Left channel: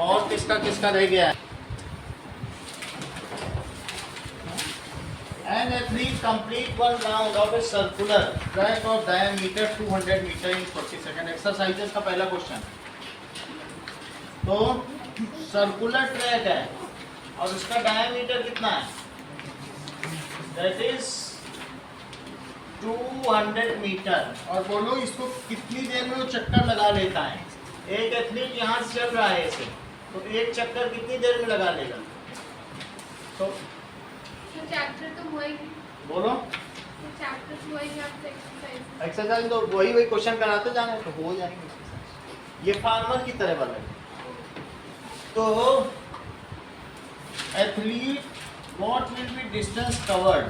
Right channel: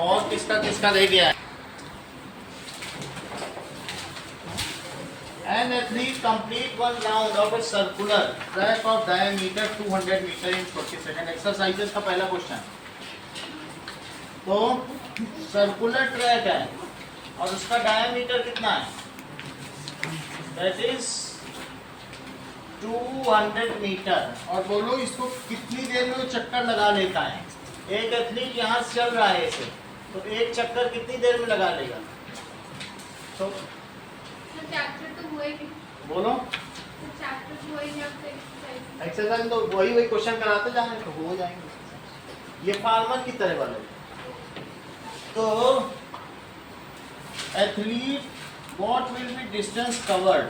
और किसका किसका रह गया है? An athlete complete one round of a circular track of diameter 200 meter in 40 seconds. Exercises का पहला क्वेश्चन। तो सर्कुलर ट्रैक है और उसका डायमीटर कितना है? That is 200 metre. और बोलो इसको कितनी देर में वो चक्कर लगा लेता है? एक एथलीट यहाँ से चल रहा है ऐसे, तो एक चक्कर कितनी देर में लगा लेगा? तो चैप्टर तो हुआ ही नहीं। बोलो चैप्टर तो हुआ ही नहीं, आपसे एक्सरसाइज। एक्सरसाइज तो वही क्वेश्चन कराते जाने तो हो जाएंगे। ये फार्मर की तरह वाला है। तो athlete what will be distance covered?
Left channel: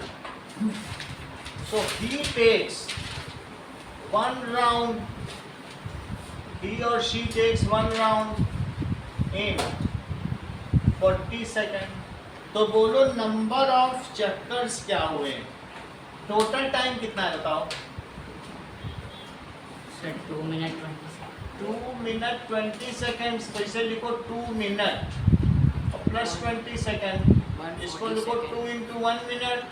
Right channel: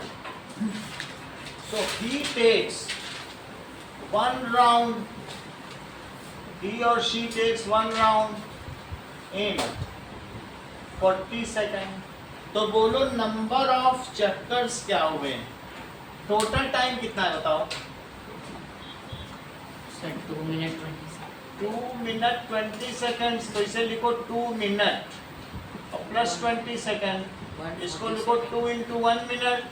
So he takes one round, he or she takes one round in 40 second. तो बोलो नंबर ऑफ चक्कर्स क्या हुए? टोटल टाइम कितना है बताओ? 2 मिनट 20 2 मिनट 20 सेकेंड्स। तो इसे लिखो 2 मिनट और प्लस 20 सेकेंड। इसको लिखो 2 इंटू 1 मिनट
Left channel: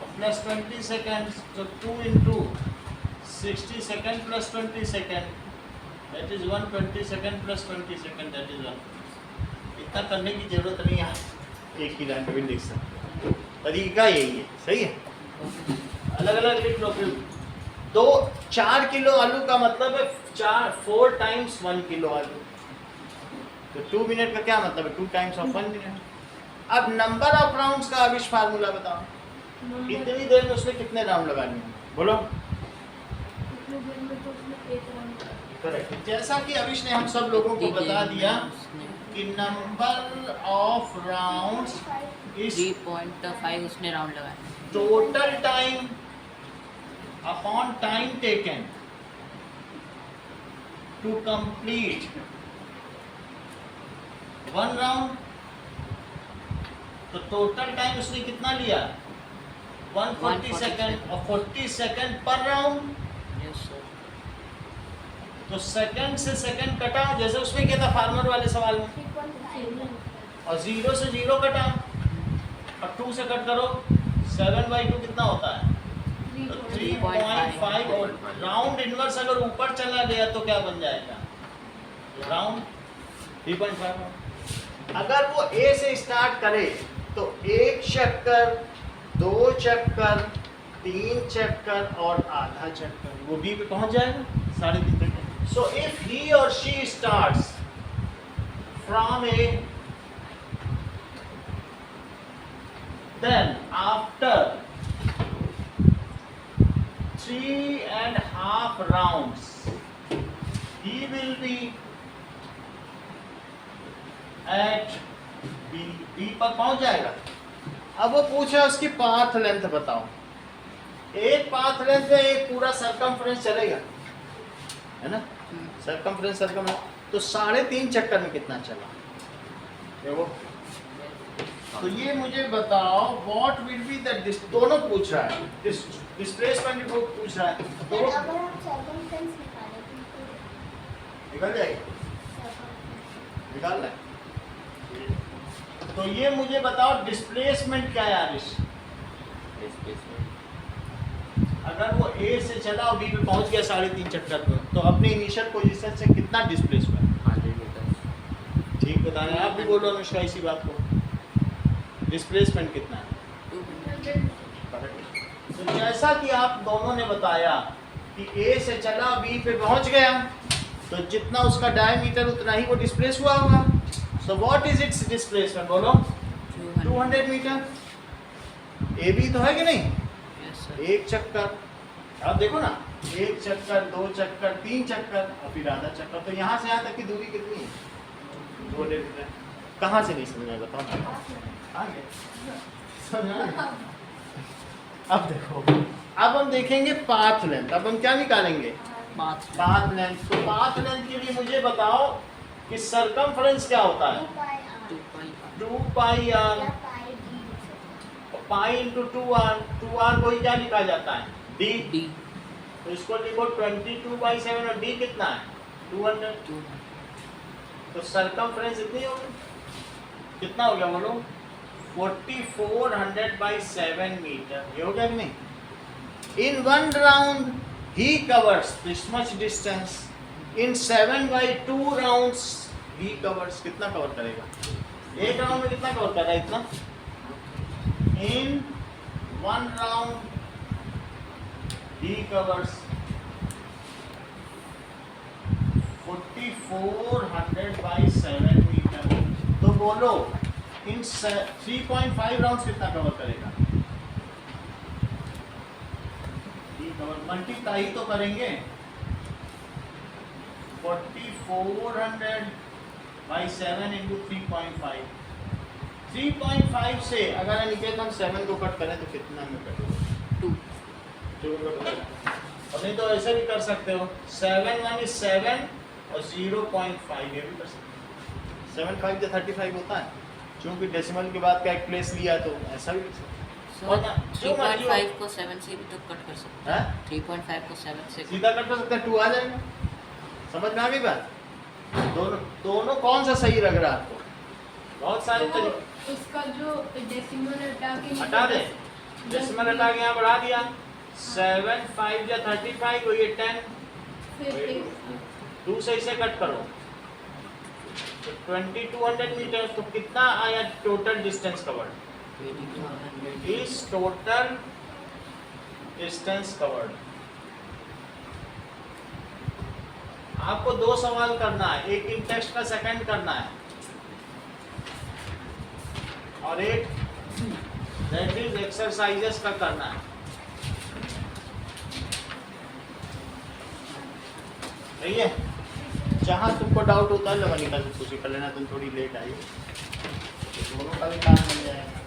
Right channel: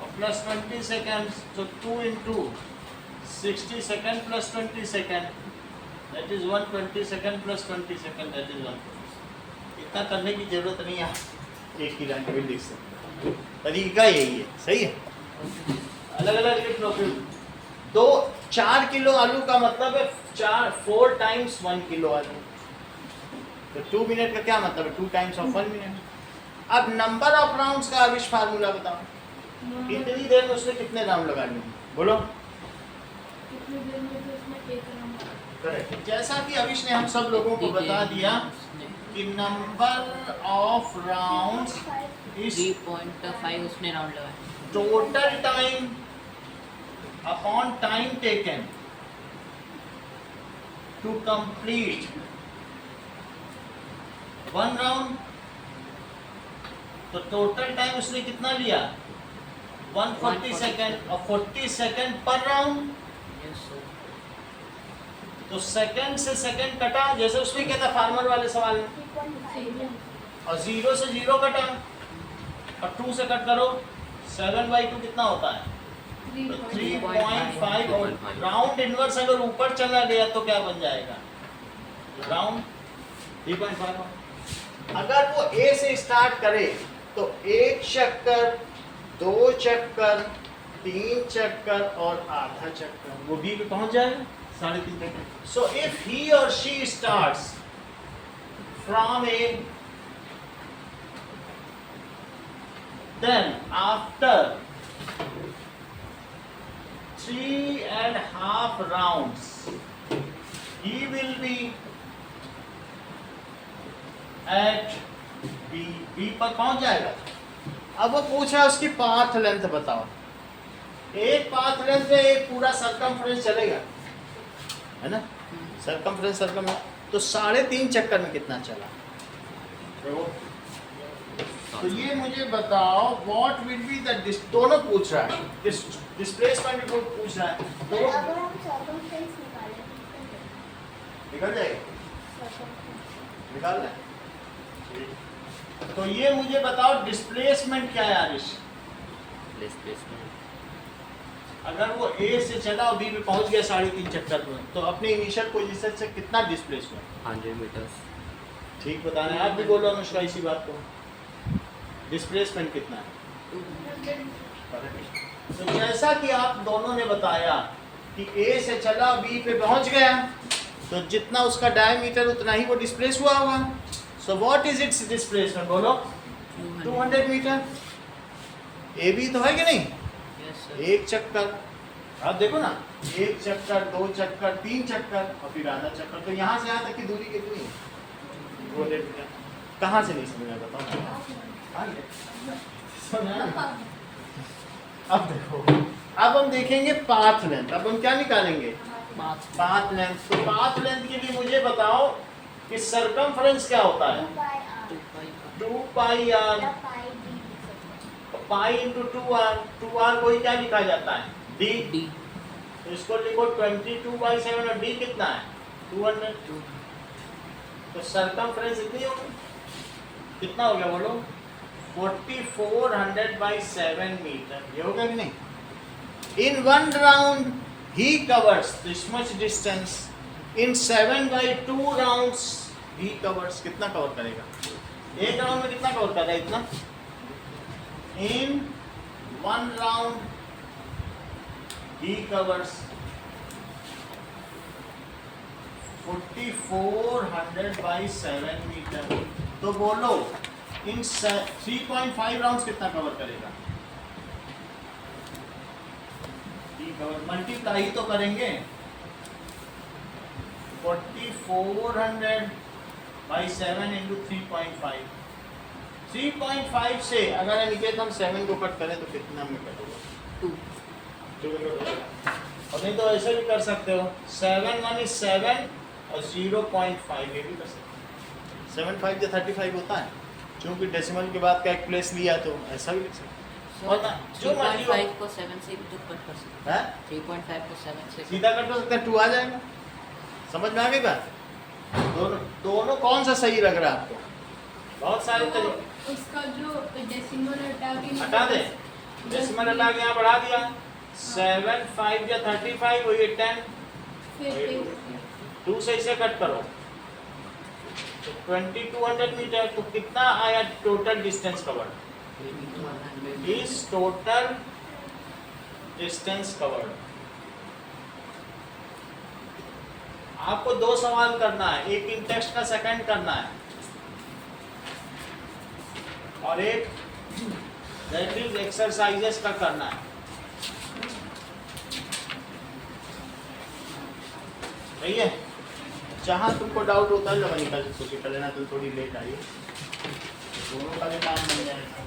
और प्लस 20 सेकेंड्स। तो 2 into 60 second plus 20 second, that is 120 second plus 20 second, that is 1। इतना करने की जरूरत नहीं है, एक ही लाइन में लिख सकते हैं। तरीका यही है, सही है। अलग अलग लिख लो। फिर 4 किलो आलू का मतलब है 4 टाइम्स 1 किलो आलू। तो 2 मिनट का क्या मतलब है? 2 टाइम्स ऑफ 1 मिनट। अब नंबर ऑफ राउंड्स का अविश फार्मूला बताओ। कितनी देर में उसने कितने राउंड लगाने हैं? बोलो। कितनी देर में तो उसने एक राउंड। करेक्ट। जैसा कि अविश ने हम सब लोगों को बता दिया कि नंबर ऑफ राउंड्स इज 3.5 उसने राउंड लगाया। Total time upon time taken to complete one round. तो टोटल टाइम उसने कितना लिया? 140 सेकेंड और 40 second per round. Yes sir. तो सेकंड से सेकंड कटा, जैसे उसमें क्या था फार्मर वाले सवाल में, और 0 से 0 कटा और 2 से कट करो, 7/2 कितना होता है? तो 3.5। और राउंड इनवर्स अगर ऊपर चला गया तो क्या बन जाएगा? राउंड 3.5। अगर वो ए से स्टार्ट करे तो 1 चक्कर, 2 चक्कर, 3 चक्कर और आधा चक्कर, वो बी पे पहुंच जाएगा 3.5 घंटे। So if he or she starts from A, then after 3.5 rounds, he will be at B। B पर पहुंच जाएगा। अब वो पूछा उसकी पाथ लेंथ बताओ। एक पाथ लेंथ में एक पूरा सरकमफ्रेंस चलेगा, है ना? सरकमफ्रेंस तो 3.5 चक्कर में कितना चला? देखो, तो ये मुझे बताओ व्हाट विल बी द दोनों पूछ रहा है, डिस्प्लेसमेंट भी पूछ रहा है, तो निकल जाएगी, निकाल ले। तो ये मुझे बताओ डिस्प्लेसमेंट क्या है आरिश? अगर वो ए से चला और बी पे पहुंच गया 3.5 चक्कर में, तो अपने इनिशियल पोजीशन से कितना डिस्प्लेसमेंट? 100 मीटर। ठीक बताना है। आप भी बोलो अनुष्का इसी बात को। डिस्प्लेसमेंट कितना है? तो जैसा कि आप दोनों ने बताया कि ए से चला बी पे पहुंच गया, तो जितना उसका डायमीटर उतना ही वो डिस्प्लेस हुआ होगा। So what is it's displacement? बोलो। 200 मीटर। ए बी तो है कि नहीं? एक चक्कर, आप देखो ना, 1 चक्कर, 2 चक्कर, 3 चक्कर और फिर आधा चक्कर। तो यहाँ से यहाँ तक की दूरी कितनी है? 200 मीटर। कहाँ से नहीं समझा? बताओ। अब देखो, अब हम देखेंगे पाथ लेंथ। अब हम क्या निकालेंगे? Path length. तो पाथ लेंथ के लिए मुझे बताओ कि सरकमफ्रेंस क्या होता है? 2 पाई are, pi into 2r। 2r को ही क्या लिखा जाता है? d। तो इसको लिखो 22/7 और d कितना है? 200। तो सरकमफ्रेंस इतनी होगी, कितना हो गया बोलो, 4400 by 7 मीटर, ये हो गया कि नहीं? In one round he covers this much distance. In 7 by 2 rounds he covers, कितना कवर करेगा? एक राउंड में कितना कवर कर रहा है? इतना. In one round he covers 4400 by 7 metre. तो बोलो इन 3.5 राउंड्स कितना कवर करेगा? मल्टीप्लाई तो करेंगे, 4400 by 7 into 3.5. 3.5 से अगर अनिकेत हम 7 को कट करें तो कितना में कट होगा? 2 में कट होगा. और नहीं तो ऐसे भी कर सकते हो, 7 1 is 7 और 0.5 ये भी कर सकते हो. 7 5 से 35 होता है, क्योंकि डेसिमल के बाद का एक प्लेस लिया है तो ऐसा भी कर सकते हो. और ना, जो मर्जी हो. 3.5 को 7 से भी तो कट कर सकते हैं. 3.5 को 7 से सीधा कट कर सकते हैं, 2 आ जाएगा. समझ में आ गई बात? दोनों कौन सा सही लग रहा है आपको? बहुत सारे तरीके. उसका जो डेसिमल हटा दे, डेसिमल हटा के यहाँ बढ़ा दिया. 7 5 या 35 वही 10. फिर 2 से इसे कट करो तो 2200 मीटर. तो कितना आया टोटल डिस्टेंस कवर्ड? इस टोटल डिस्टेंस कवर्ड. आपको 2 सवाल करना है, एक इन टेक्स्ट का सेकंड करना है और एक दैट इज एक्सरसाइजेस का करना है. सही है? जहां तुमको डाउट होता है जब निकल कुछ कर लेना. तुम थोड़ी लेट आई तो दोनों का भी काम बन जाएगा.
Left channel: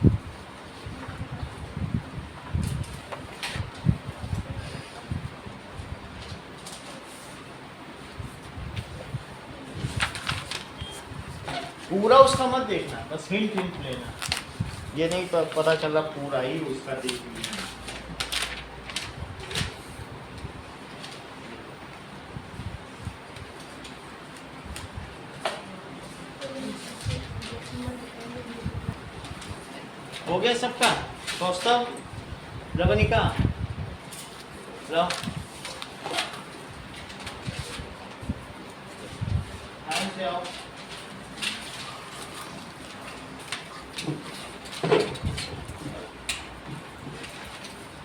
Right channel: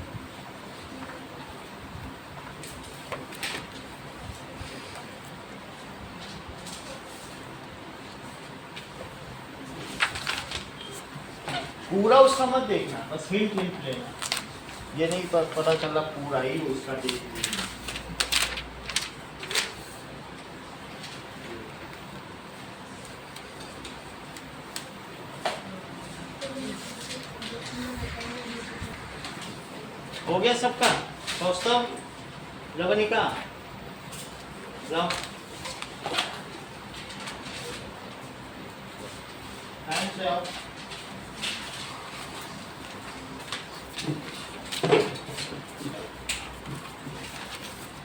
पूरा उसका मत देखना, बस हिंट लेना. ये नहीं पता चल रहा पूरा ही उसका देख लिया. हो गया सबका? कौस्तव, रवनिका, टाइम से आओ.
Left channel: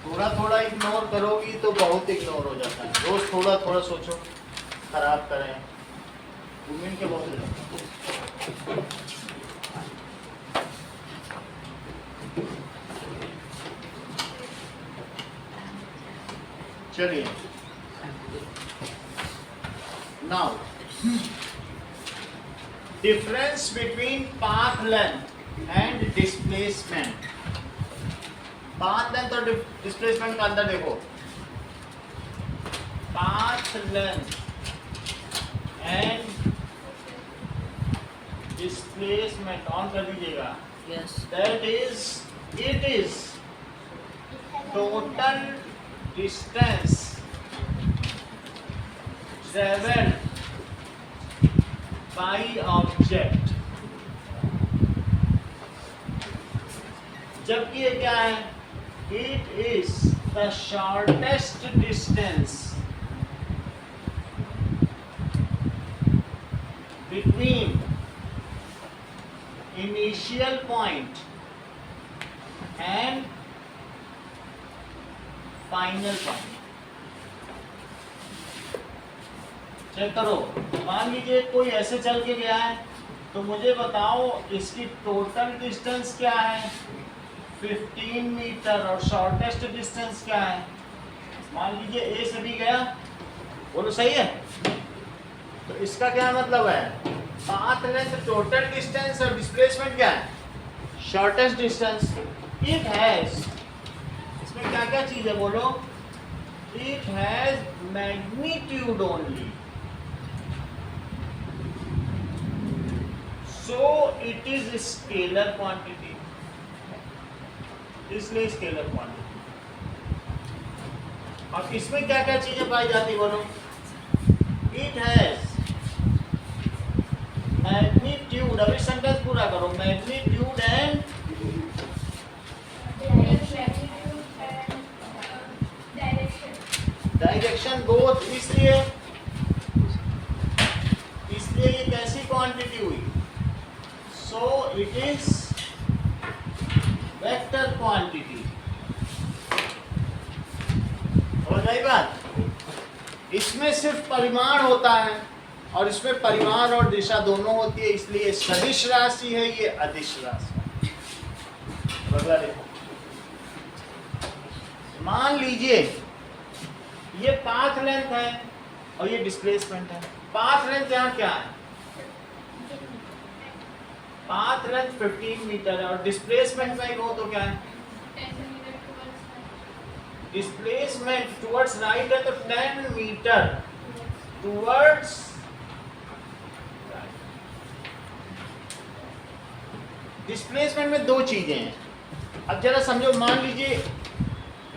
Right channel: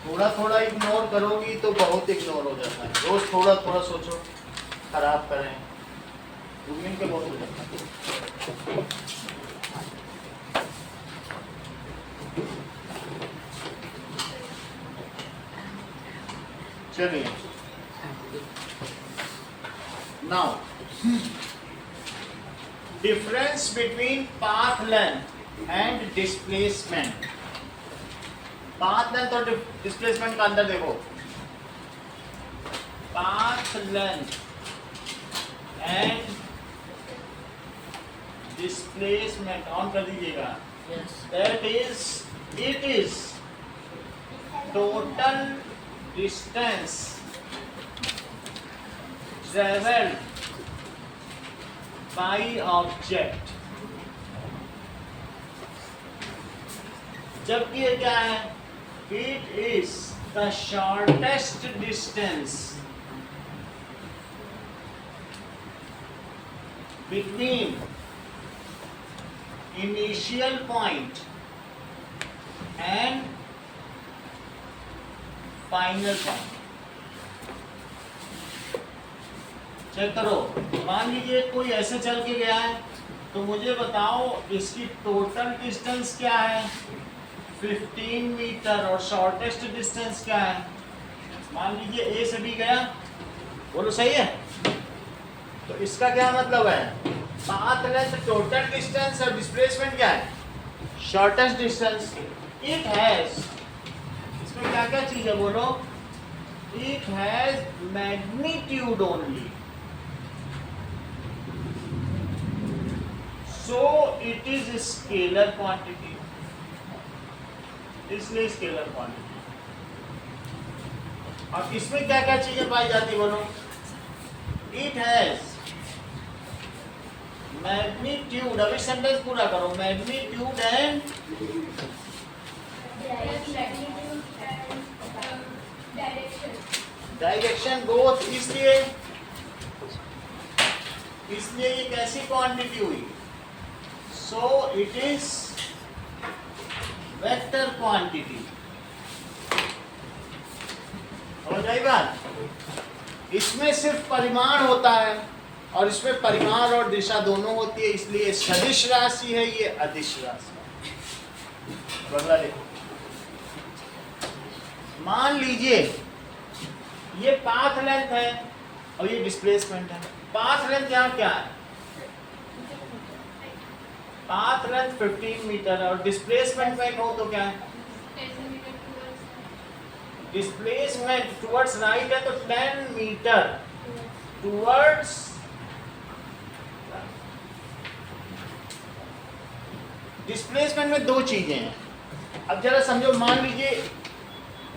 थोड़ा थोड़ा इग्नोर करोगी तो बहुत इग्नोर हो जाता है. रोज थोड़ा थोड़ा सोचो, खराब करें. 2 मिनट के बहुत हो जाता है. चलिए, now difference between path length and displacement. Path length और डिस्प्लेसमेंट का अंदर देखो. Path length and displacement on कर दीजिएगा. Yes. That is, it is total distance traveled by object. जबकि ये क्या है? It is the shortest distance between initial point and final point. Check करो. मान लीजिए कोई ऐसे चल के गया है तो मुझे बताओ इसकी टोटल डिस्टेंस क्या है? 15 मीटर. और शॉर्टेस्ट डिस्टेंस क्या है? मान लीजिए ए से बी गया. बोलो सही है? तो इसका क्या मतलब है? पाथ लेंथ टोटल डिस्टेंस और डिस्प्लेसमेंट क्या है? Shortest distance. इट हैज, इसमें क्या क्या चीज है बोलो? It has magnitude only, so it is scalar quantity. इसलिए स्केलर क्वांटिटी. और इसमें क्या क्या चीजें पाई जाती बोलो? इट हैज मैग्नीट्यूड, अभी सेंटेंस पूरा करो, मैग्नीट्यूड एंड डायरेक्शन बोथ, इसलिए ये कैसी क्वांटिटी हुई? So it is vector quantity. हो जाए बात? इसमें सिर्फ परिमाण होता है और इसमें परिमाण और दिशा दोनों होती है, इसलिए सदिश राशि है, ये अदिश राशि है। अगला देखो, मान लीजिए ये पाथ लेंथ है और ये डिस्प्लेसमेंट है। पाथ लेंथ यहाँ क्या है? पाथ लेंथ 15 मीटर है और डिस्प्लेसमेंट में कहूँ तो क्या है? डिस्प्लेसमेंट टुवर्ड्स राइट है तो 10 मीटर टुवर्ड्स। डिस्प्लेसमेंट में दो चीजें हैं। अब जरा समझो, मान लीजिए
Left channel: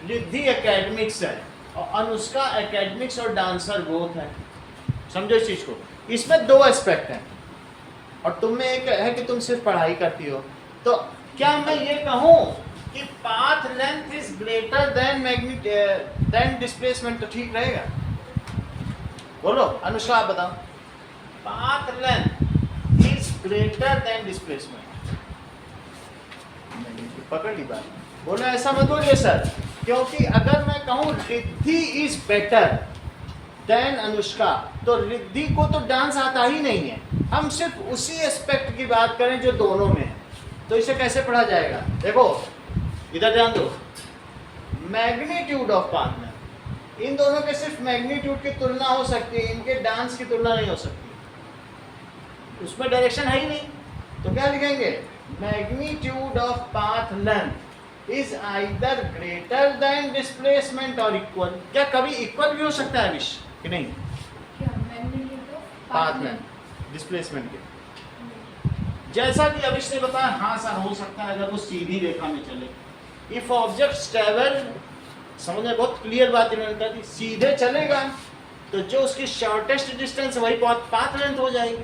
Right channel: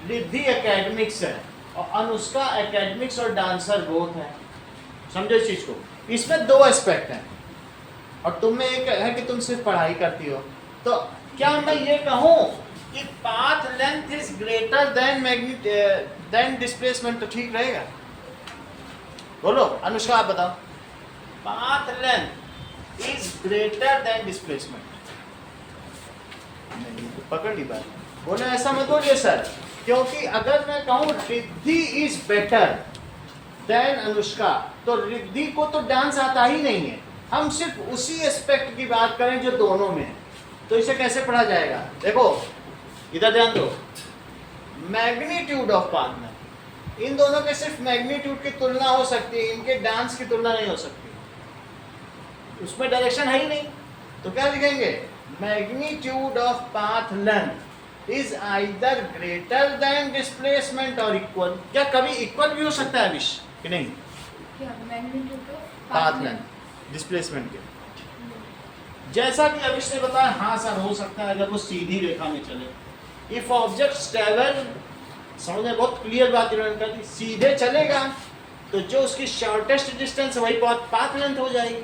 रिद्धि एकेडमिक्स है और अनुष्का एकेडमिक्स और डांसर बोथ है। समझो इस चीज को, इसमें दो एस्पेक्ट हैं और तुम में एक है कि तुम सिर्फ पढ़ाई करती हो। तो क्या मैं ये कहूं कि path length is greater than displacement, तो ठीक रहेगा? बोलो अनुष्का, आप बताओ। Path length is greater than displacement, पकड़ ली बात। बोले ऐसा मत बोलिए सर, क्योंकि अगर मैं कहूं Riddhi is better then Anushka, तो रिद्धि को तो डांस आता ही नहीं है। हम सिर्फ उसी एस्पेक्ट की बात करें जो दोनों में है, तो इसे कैसे पढ़ा जाएगा? देखो इधर ध्यान दो, मैग्नीट्यूड ऑफ पाथ में इन दोनों के सिर्फ मैग्नीट्यूड की तुलना हो सकती है, इनके डांस की तुलना नहीं हो सकती। उसमें डायरेक्शन है ही नहीं, तो क्या लिखेंगे? Magnitude of path length is either greater than displacement और इक्वल। क्या कभी इक्वल भी हो सकता है विश कि नहीं? क्या magnitude of path length displacement के, जैसा कि अविश ने बताया, हाँ सर हो सकता है अगर वो सीधी रेखा में चले। इफ ऑब्जेक्ट ट्रैवल, समझ में बहुत क्लियर बात इन्होंने कर दी, सीधे चलेगा तो जो उसकी शॉर्टेस्ट डिस्टेंस वही पाथ लेंथ हो जाएगी।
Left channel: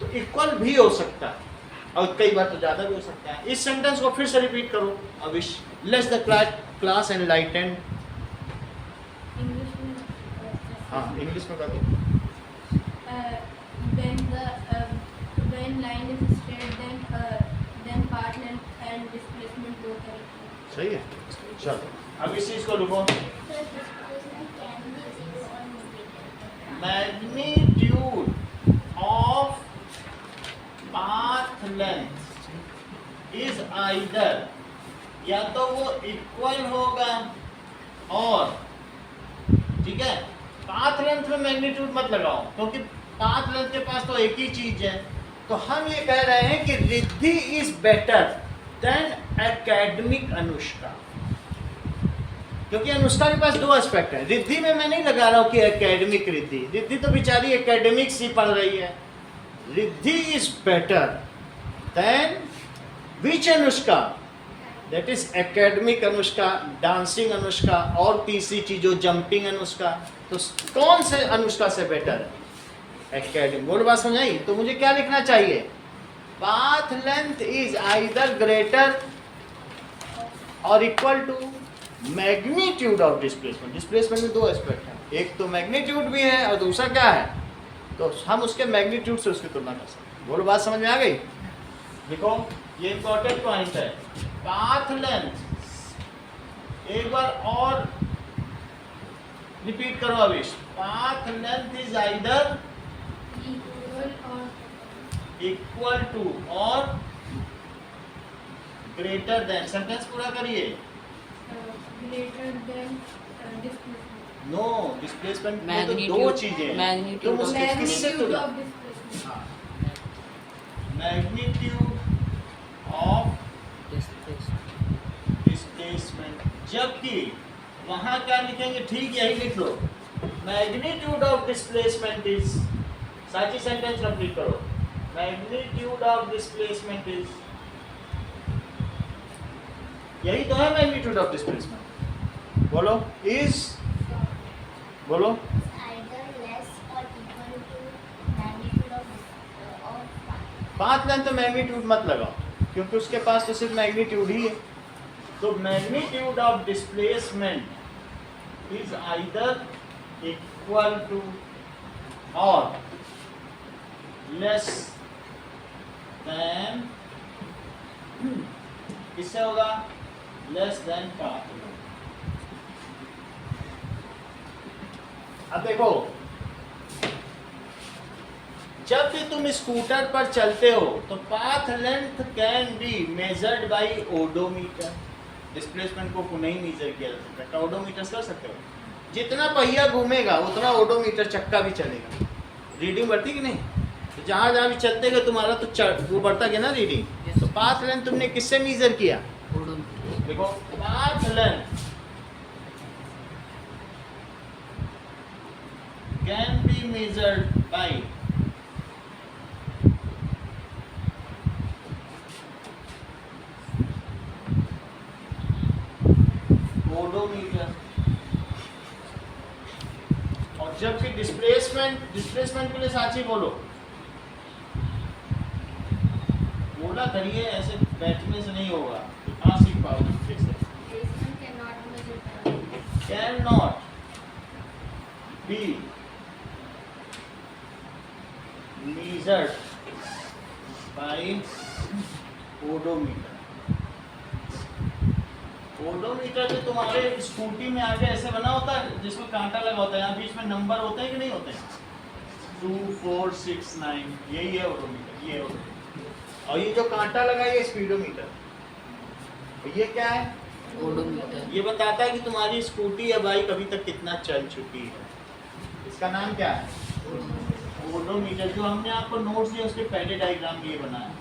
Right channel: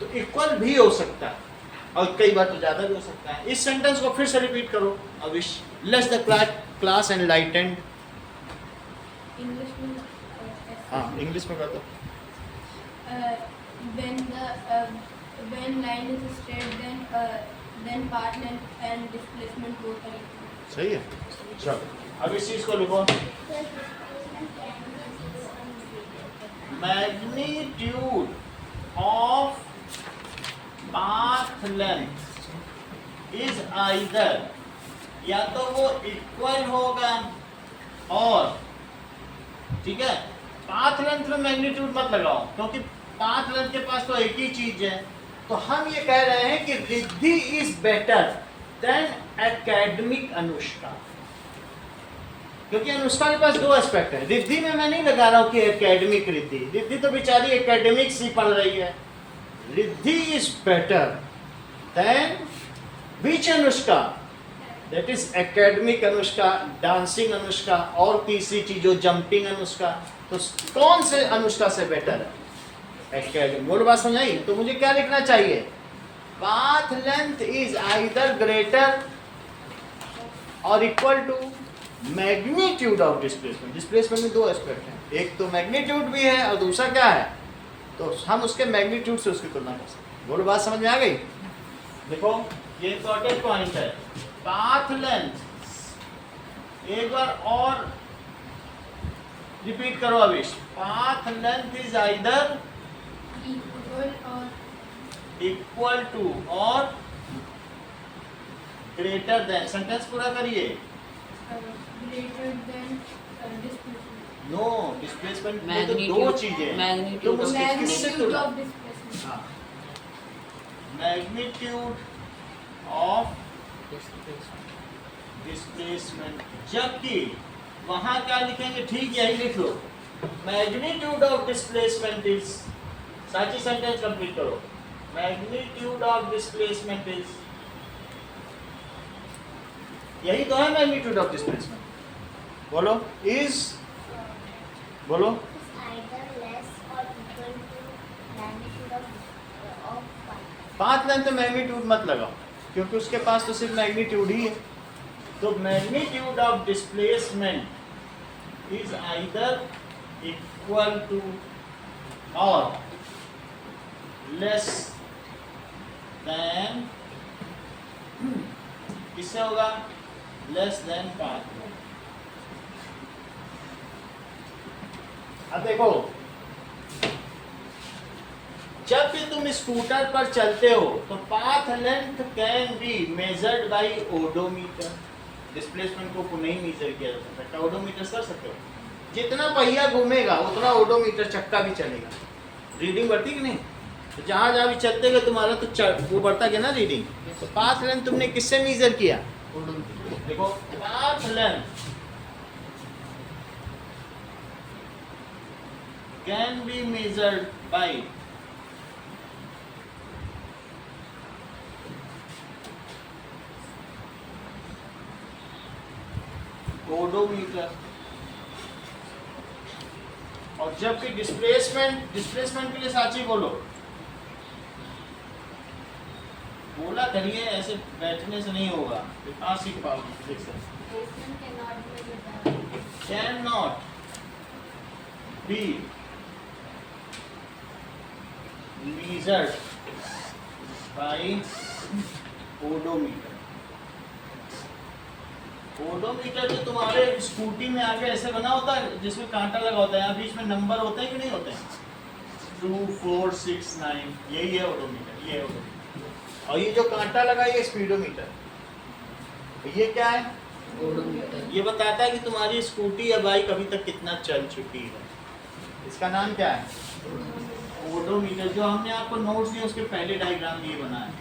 तो इक्वल भी हो सकता है और कई बार तो ज्यादा भी हो सकता है। इस सेंटेंस को फिर से रिपीट करो Avish. Let's the class enlightened. English में हाँ इंग्लिश में कर दो। when line is straight then path length and displacement both are equal. सही है, चलो अब इस चीज को लिखो। Magnitude of path length is either, या तो वो इक्वल होगा और, ठीक है, पाथ लेंथ में मैग्नीट्यूड मत लगाओ क्योंकि पाथ लेंथ के पास तो एक ही चीज है। तो हम ये कह रहे हैं कि Riddhi is better then academic Anushka, क्योंकि अनुष्का के पास दो एस्पेक्ट है। रिद्धि में मैं नहीं लगा रहा हूं कि एकेडमिक रिद्धि, रिद्धि तो बेचारी एकेडमिक्स ही पढ़ रही है। Riddhi is better than which Anushka, that is academic Anushka, dancing Anushka और तीसरी चीज जो जंपिंग अनुष्का। तो कौन से अनुष्का से बेटर है? एकेडमिक। बोल बात समझ आई? तो मुझे क्या लिखना चाहिए? Path length is either greater और equal to magnitude of displacement. Displacement में दो एस्पेक्ट हैं, एक तो मैग्नीट्यूड भी है और दूसरा क्या है? तो हम उसके मैग्नीट्यूड से उसकी तुलना कर सकते हैं। बोलो बात समझ में आ गई? देखो ये इंपॉर्टेंट पॉइंट है। पाथ लेंथ एक बार और रिपीट करो Avish. Path length is either equal to और ग्रेटर देन। सेंटेंस पूरा करिए। Greater than displacement. No, displacement में तो दो चीजें हैं। मैग्नीट्यूड तुम उसके किससे मैग्नीट्यूड तुलना? Of displacement. हाँ, मैग्नीट्यूड ऑफ डिस्प्लेसमेंट, जबकि वहां क्या लिखेंगे? ठीक यही लिख लो, मैग्नीट्यूड ऑफ डिस्प्लेसमेंट इज। साची सेंटेंस कंप्लीट करो। मैग्नीट्यूड ऑफ डिस्प्लेसमेंट इज, यही तो है मैग्नीट्यूड ऑफ डिस्प्लेसमेंट। बोलो इज, बोलो either less or equal to magnitude of path length तो मैग्नीट्यूड मत लगाओ, क्योंकि उसके पास तो सिर्फ मैग्नीट्यूड ही है। तो magnitude of displacement is either equal to और लेस देन, किससे होगा? Less than path length. अब देखो, जब भी तुम स्कूटर पर चलते हो तो path length can be measured by odometer. Displacement को नहीं मेजर किया जा सकता, ओडोमीटर कर सकते हो। जितना पहिया घूमेगा उतना ओडोमीटर चक्का भी चलेगा। रीडिंग बढ़ती कि नहीं? तो जहाँ जहाँ भी चलते गए तुम्हारा तो वो बढ़ता गया ना रीडिंग। तो पाथ लेंथ तुमने किससे मेजर किया? देखो, path length can be measured by odometer. और जब भी डिस्प्लेसमेंट के लिए साची बोलो, बोला करिए, ऐसे बैठने से नहीं होगा, कहाँ सीख पाओगे फिर से। Can not be measured by odometer. Odometer जो तुम्हारे स्कूटी में आगे ऐसे बना होता है, जिसमें कांटा लगा होता है, यहाँ बीच में नंबर होते हैं कि नहीं होते हैं? 2, 4, 6, 9, यही है ओडोमीटर, ये है ओडोमीटर। और ये जो कांटा लगा ये स्पीडोमीटर। ये क्या है? ओडोमीटर। ये बताता है कि तुम्हारी स्कूटी या बाइक अभी तक कितना चल चुकी है। इसका नाम क्या है? ओडोमीटर। जो हमने आपको नोट्स दिए उसके पहले डायग्राम ये बना है।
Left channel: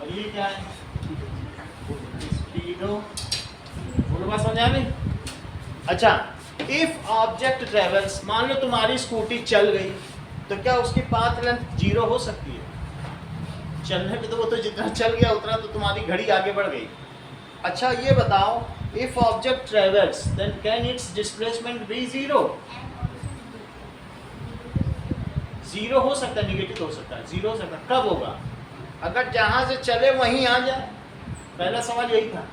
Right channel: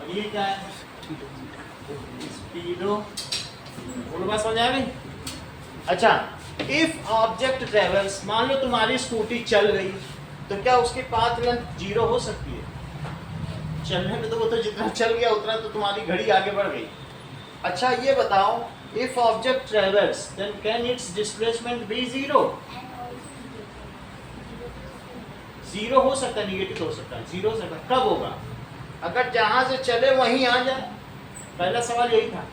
और ये क्या है? स्पीडो। बोलो बात समझ आ गई? अच्छा, इफ ऑब्जेक्ट ट्रेवल्स, मान लो तुम्हारी स्कूटी चल गई, तो क्या उसकी पाथ लेंथ 0 हो सकती है? चलने पे तो वो तो जितना चल गया उतना तो तुम्हारी घड़ी आगे बढ़ गई। अच्छा ये बताओ, if object travels then can its displacement be 0? 0 हो सकता है, निगेटिव हो सकता है, 0 हो सकता है। कब होगा? अगर जहां से चले वहीं आ जाए। पहला सवाल यही था,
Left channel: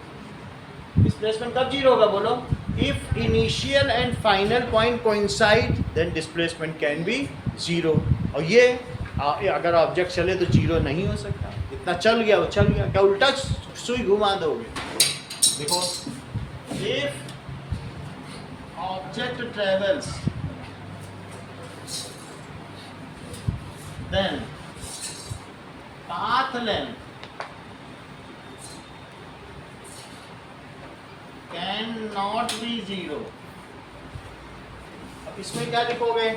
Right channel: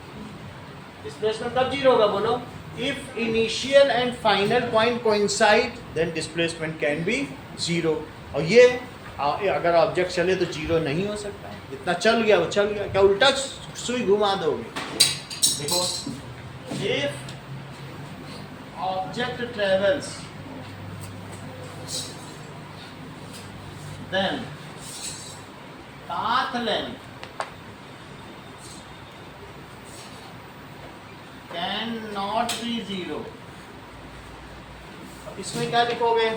डिस्प्लेसमेंट कब 0 होगा? बोलो। If initial and final point coincide then displacement can be 0। और ये अगर ऑब्जेक्ट चले तो 0 नहीं हो सकता। इतना चल गया वो चल गया, क्या उल्टा सुई घुमा दोगे? देखो, if object travels then path length cannot be 0। अब इसमें क्या लिखोगे?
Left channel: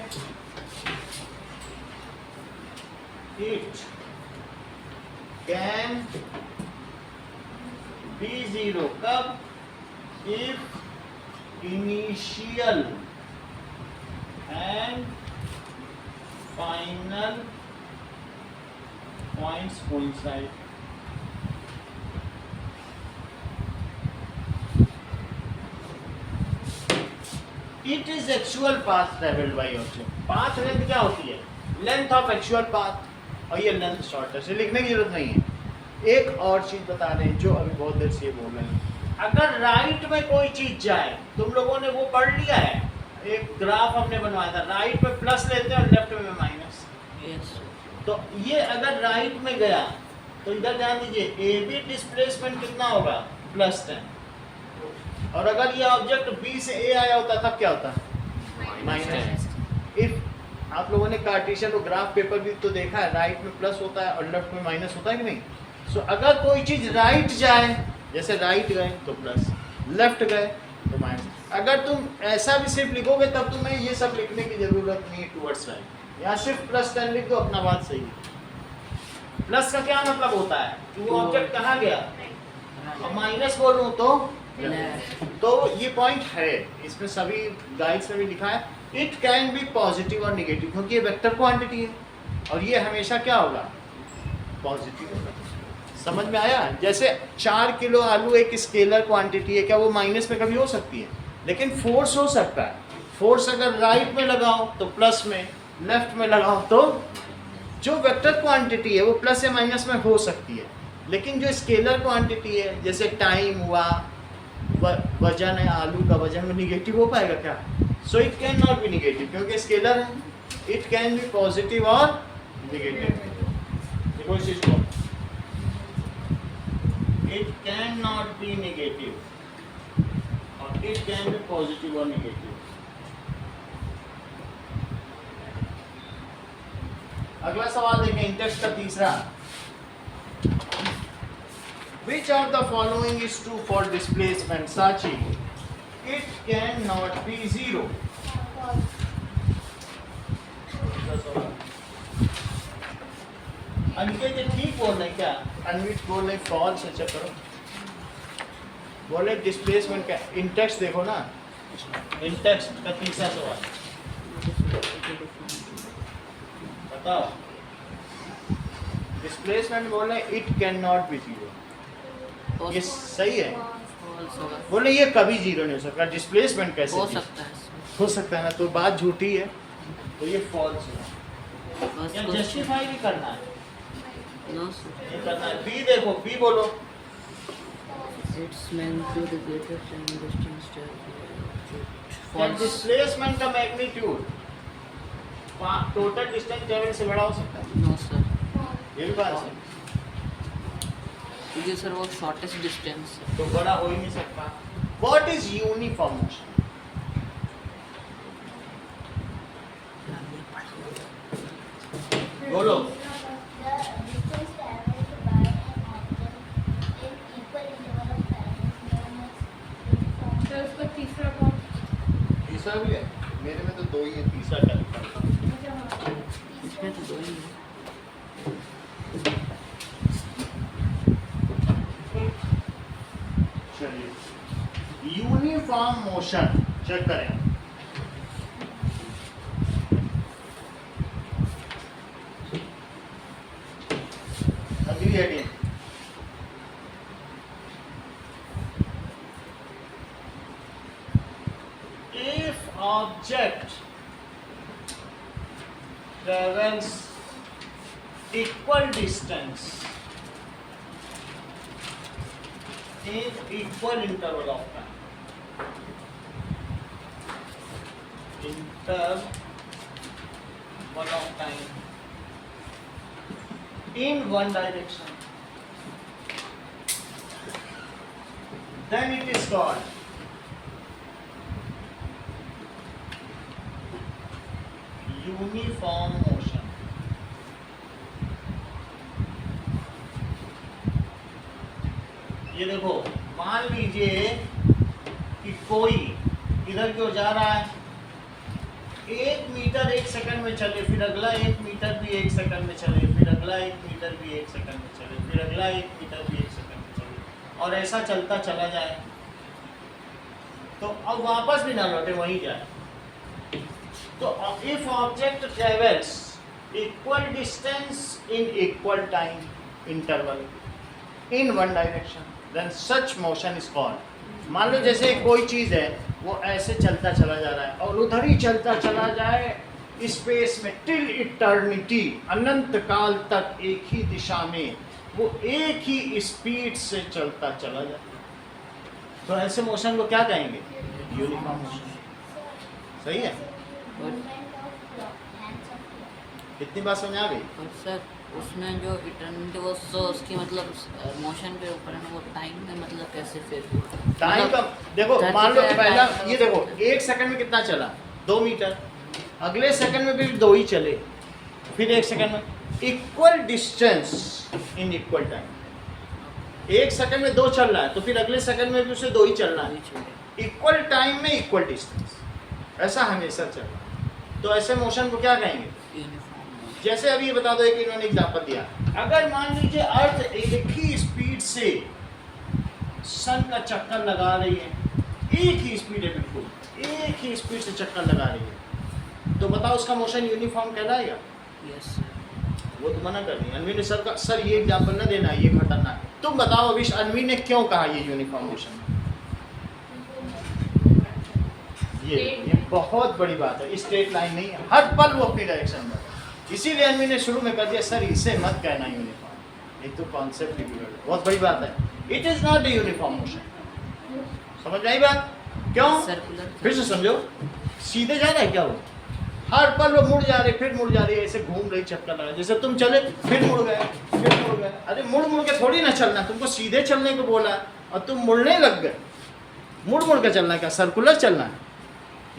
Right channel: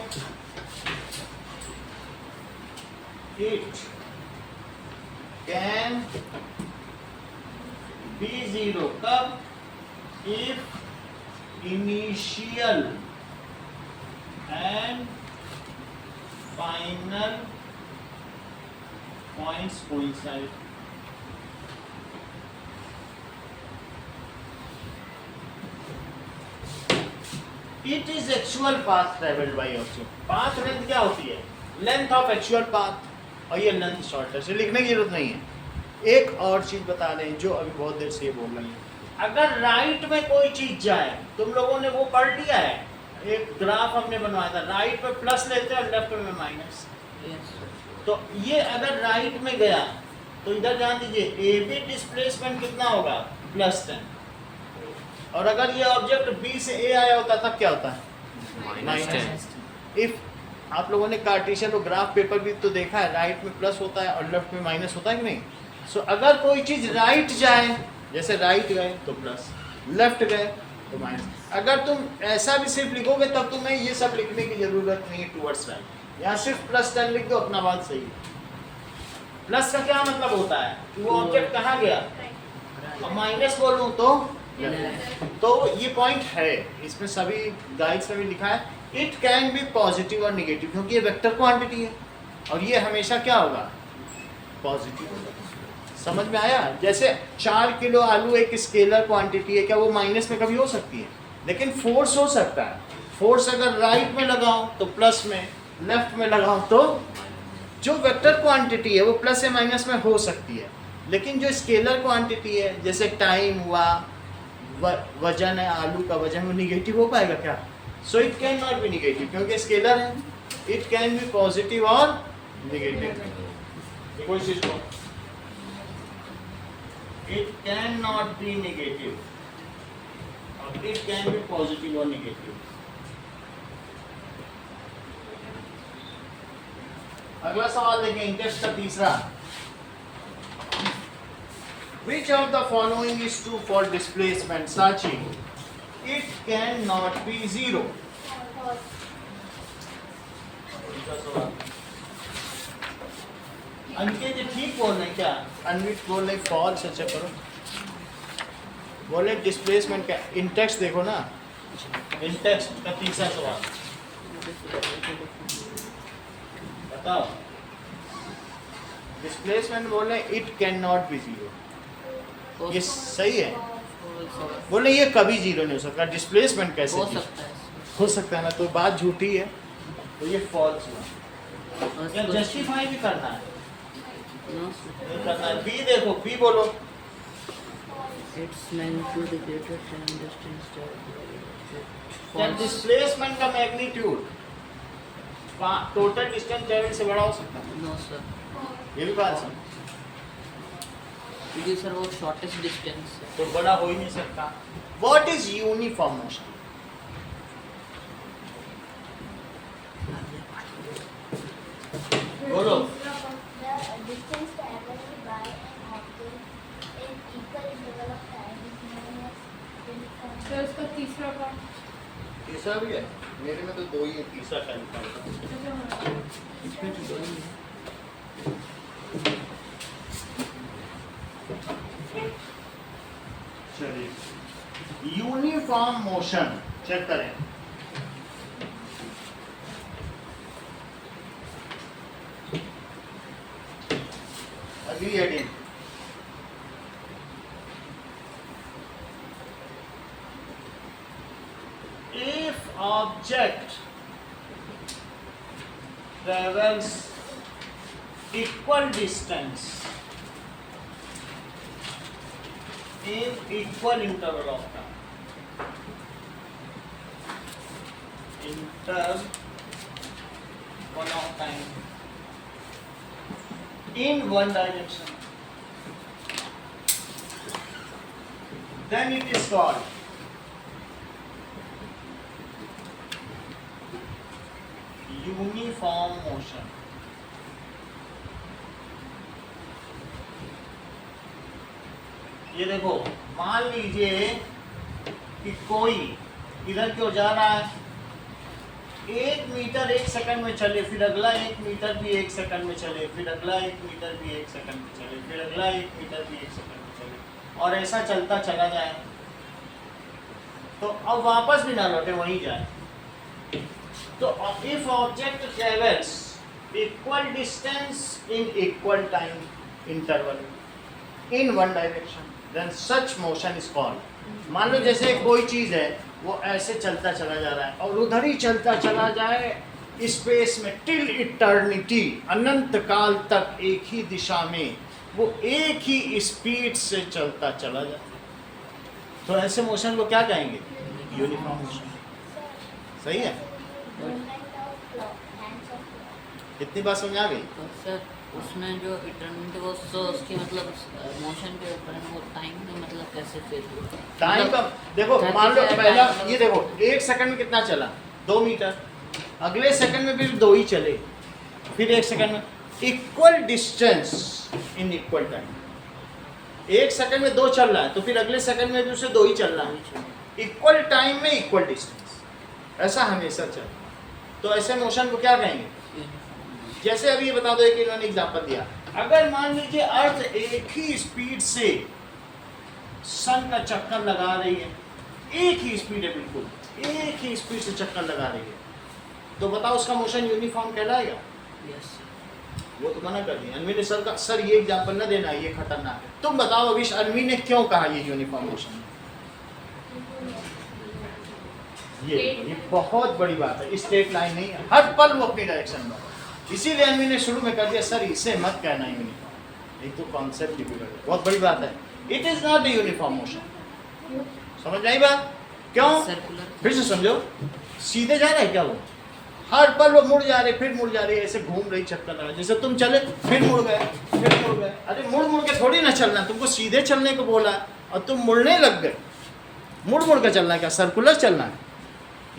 It can be 0 कब? If initial and final points coincide। It is actual path traveled by object। path length क्या होती है? length of actual path। और ये length shorter से लिखने की जरूरत नहीं है। एक और चीज बता रहे हैं जो अभी बहुत देर से ये बोल रहे हैं। अगर राइट में कोई चीज जाए, तुम लोगों ने वो पढ़ लिया है, एक ग्राफ हमने बनवाया था, राइट में प्लस लेते हैं और लेफ्ट में माइनस। तो ये अगर राइट में गया तो इधर ध्यान दीजिए, ए बी डिस्प्लेसमेंट कितना होगा? +10। और अगर ये ऑब्जेक्ट बी से ए आया होता तब क्या होता? -10। इफ आप लोगों ने कार्टेशियन और ग्राफ पेपर भी तो देखा है, राइट में प्लस होता है और लेफ्ट में माइनस होता है कि नहीं? सो अगर कोई चीज राइट जाए, जैसे राइट गए तो प्लस, लेफ्ट गए तो माइनस। अगर तुम ऐसा भी सिर्फ लिखोगे तब तुम्हें ये सब लिखने की जरूरत नहीं है टूवर्ड्स राइट। यहाँ सिर्फ +10 लिख दो, अपना बात सही है। प्लस का क्या मतलब होता है? वो ऑब्जेक्ट कहाँ गया? और माइनस बोलूँ तो ये पॉइंट है, इसमें सभी गाइड्स में भी लिखा है। इट कैन बी पॉजिटिव और निगेटिव, क्योंकि ये वेक्टर क्वांटिटी है और ये हमेशा क्या होगा? पॉजिटिव होगा। समझ में आया? जैसे 4 किलो आलू एक स्केलर क्वांटिटी है, क्या वो माइनस में कभी हो सकती है? लेकिन फोर्स हो सकता है। फोर्स अगर राइट में लगाओ तो प्लस में, लेफ्ट में लगाओ तो, जो वेक्टर क्वांटिटी है वो प्लस या माइनस में हो सकती है, लेकिन जो स्केलर क्वांटिटी है जैसे टाइम हुआ, वजन है, आलू का वजन, वो निगेटिव हो पाएगा क्या? So it can not be negative, क्योंकि स्केलर है, इट कैन बी पॉजिटिव और निगेटिव। देखो इस चीज को, it can not be negative और इट कैन बी पॉजिटिव और नेगेटिव। अगला सवाल देखें, इंटेक्स्ट का तीसरा। Which of the following is true for displacement Sachi? It cannot be zero. Aniket ये ठीक बोल रहे हैं क्या? अनविट बोल रहे फॉल्स है, चेक करो। बोले डिस्प्लेसमेंट क्या? इंटेक्स्ट देखो ना, इंटेक्स्ट का तीसरा सवाल बताओ। डिस्प्लेसमेंट बोल रहे it can not be zero, ये सही है। बोले ये कभी जीरो नहीं हो सकता, डिस्प्लेसमेंट कैसे हो सकता है, हो सकता है ना, तो बात झूठी है, तो ये फॉल्स हुआ। या जस्टिफाई भी करना है, नहीं करना है। बी देखो, बी बोलो। Its magnitude greater than distance क्या डिस्प्लेसमेंट का मैग्नीट्यूड टोटल डिस्टेंस ट्रैवल से बड़ा हो सकता है? नो सर, ये भी बात है, क्योंकि सर वो शॉर्टेस्ट डिस्टेंस है। तो बड़ा हो ही नहीं सकता। What is uniform motion? बोलो। तो इसका तीसरा कौन? तीसरा भी है, मेरे में तो दो ही है, तीसरा क्या लिखा? इसमें तो दो ही है। चलिए, यूनिफॉर्म मोशन चेक करें। अगली again, if object travels equal distance in equal interval of time, interval of time in one direction, then it is called uniform motion. ये देखो, मान लीजिए कि कोई इधर की ओर जा रहा है, 1 मीटर 1 सेकंड में चले, फिर अगला 1 मीटर भी 1 सेकंड में चले, फिर अगला 1 मीटर भी 1 सेकंड में चले, फिर अगला 1 मीटर भी 1 सेकंड में चले, और ऐसा चलता चला जाए, तो अब वापस भी ना लौटे, वहीं जाए। तो if object travels equal distance in equal time interval in one direction, then such motion is called। मान लो जैसे कोई चीज है, वो ऐसे चलता चला जा रहा है और उधर ही चलता चला जाए स्पेस में टिल इटर्निटी, अनंत काल तक एक ही दिशा में वो एक ही स्पीड से चलता चला जाए, तो ऐसे मोशन को क्या कहेंगे? Uniform motion. सही है? कितनी बात समझ आ गई? और सर उसमें जो इटर्निटी वो सो उसकी मतलब मोशन के ऊपर है, वो टाइम में मतलब कैसे फिर टाइम का देखो, मान लो पहला ये देखो, 1 सेकंड में कितना चला? 2 मीटर, अगले सेकंड में भी 2 ही चले, फिर 1 सेकंड में equal distance in equal time. 1 second में 2 चल रहा है, तो फिर अगले सेकंड में भी उसे 2 ही चलना है, इक्वल टाइम में इक्वल डिस्टेंस, ऐसा हमेशा चल रहा है। तो ऐसे मोशन को क्या कहेंगे? जैसे अभी ये बता दो, एक इन्होंने एग्जांपल दिया, अगर मान लीजिए अर्थ एक ही स्पीड से सन का चक्कर लगा रही है, एक ही स्पीड है, बिल्कुल एक ही स्पीड से चक्कर लगा रही है, तो बताओ उसका मोशन यूनिफॉर्म कहलाएगा? यस। वो तो मना कर दिया अनवी ने, सर का सर ये एग्जांपल ना देना, ये खतरनाक है। तुम बताओ अभी अनवी ने क्यों कहा ये यूनिफॉर्म मोशन? ये बहुत बड़ी बात है, स्ट्रेट लाइन नहीं है, हर पल वो अपनी डायरेक्शन में। इसीलिए अनवी ने शुरू में कर दिया सर इसे मत कहना यूनिफॉर्म, एक तो कॉन्सेप्ट डिफिकल्ट है, बहुत बड़ी बात है। It is not a uniform motion. समझ आई बात? क्यों? सर्कुलर फिर से समझो, सीधे जा रहा है क्या वो? हर पल वो मुड़ जा रहे, फिर मुड़ जा रही है, ऐसे घूम रही, चक्कर लगा, जैसे तुम चले फिर मुड़ गए, फिर मुड़ गए। अरे मुड़ मुड़ के थोड़ी ना चलना, तुमको सीधे चलने को बोला और तुम मुड़ने लग गए। मुड़ मुड़ के चलना है क्या? सर्कुलर चलना है,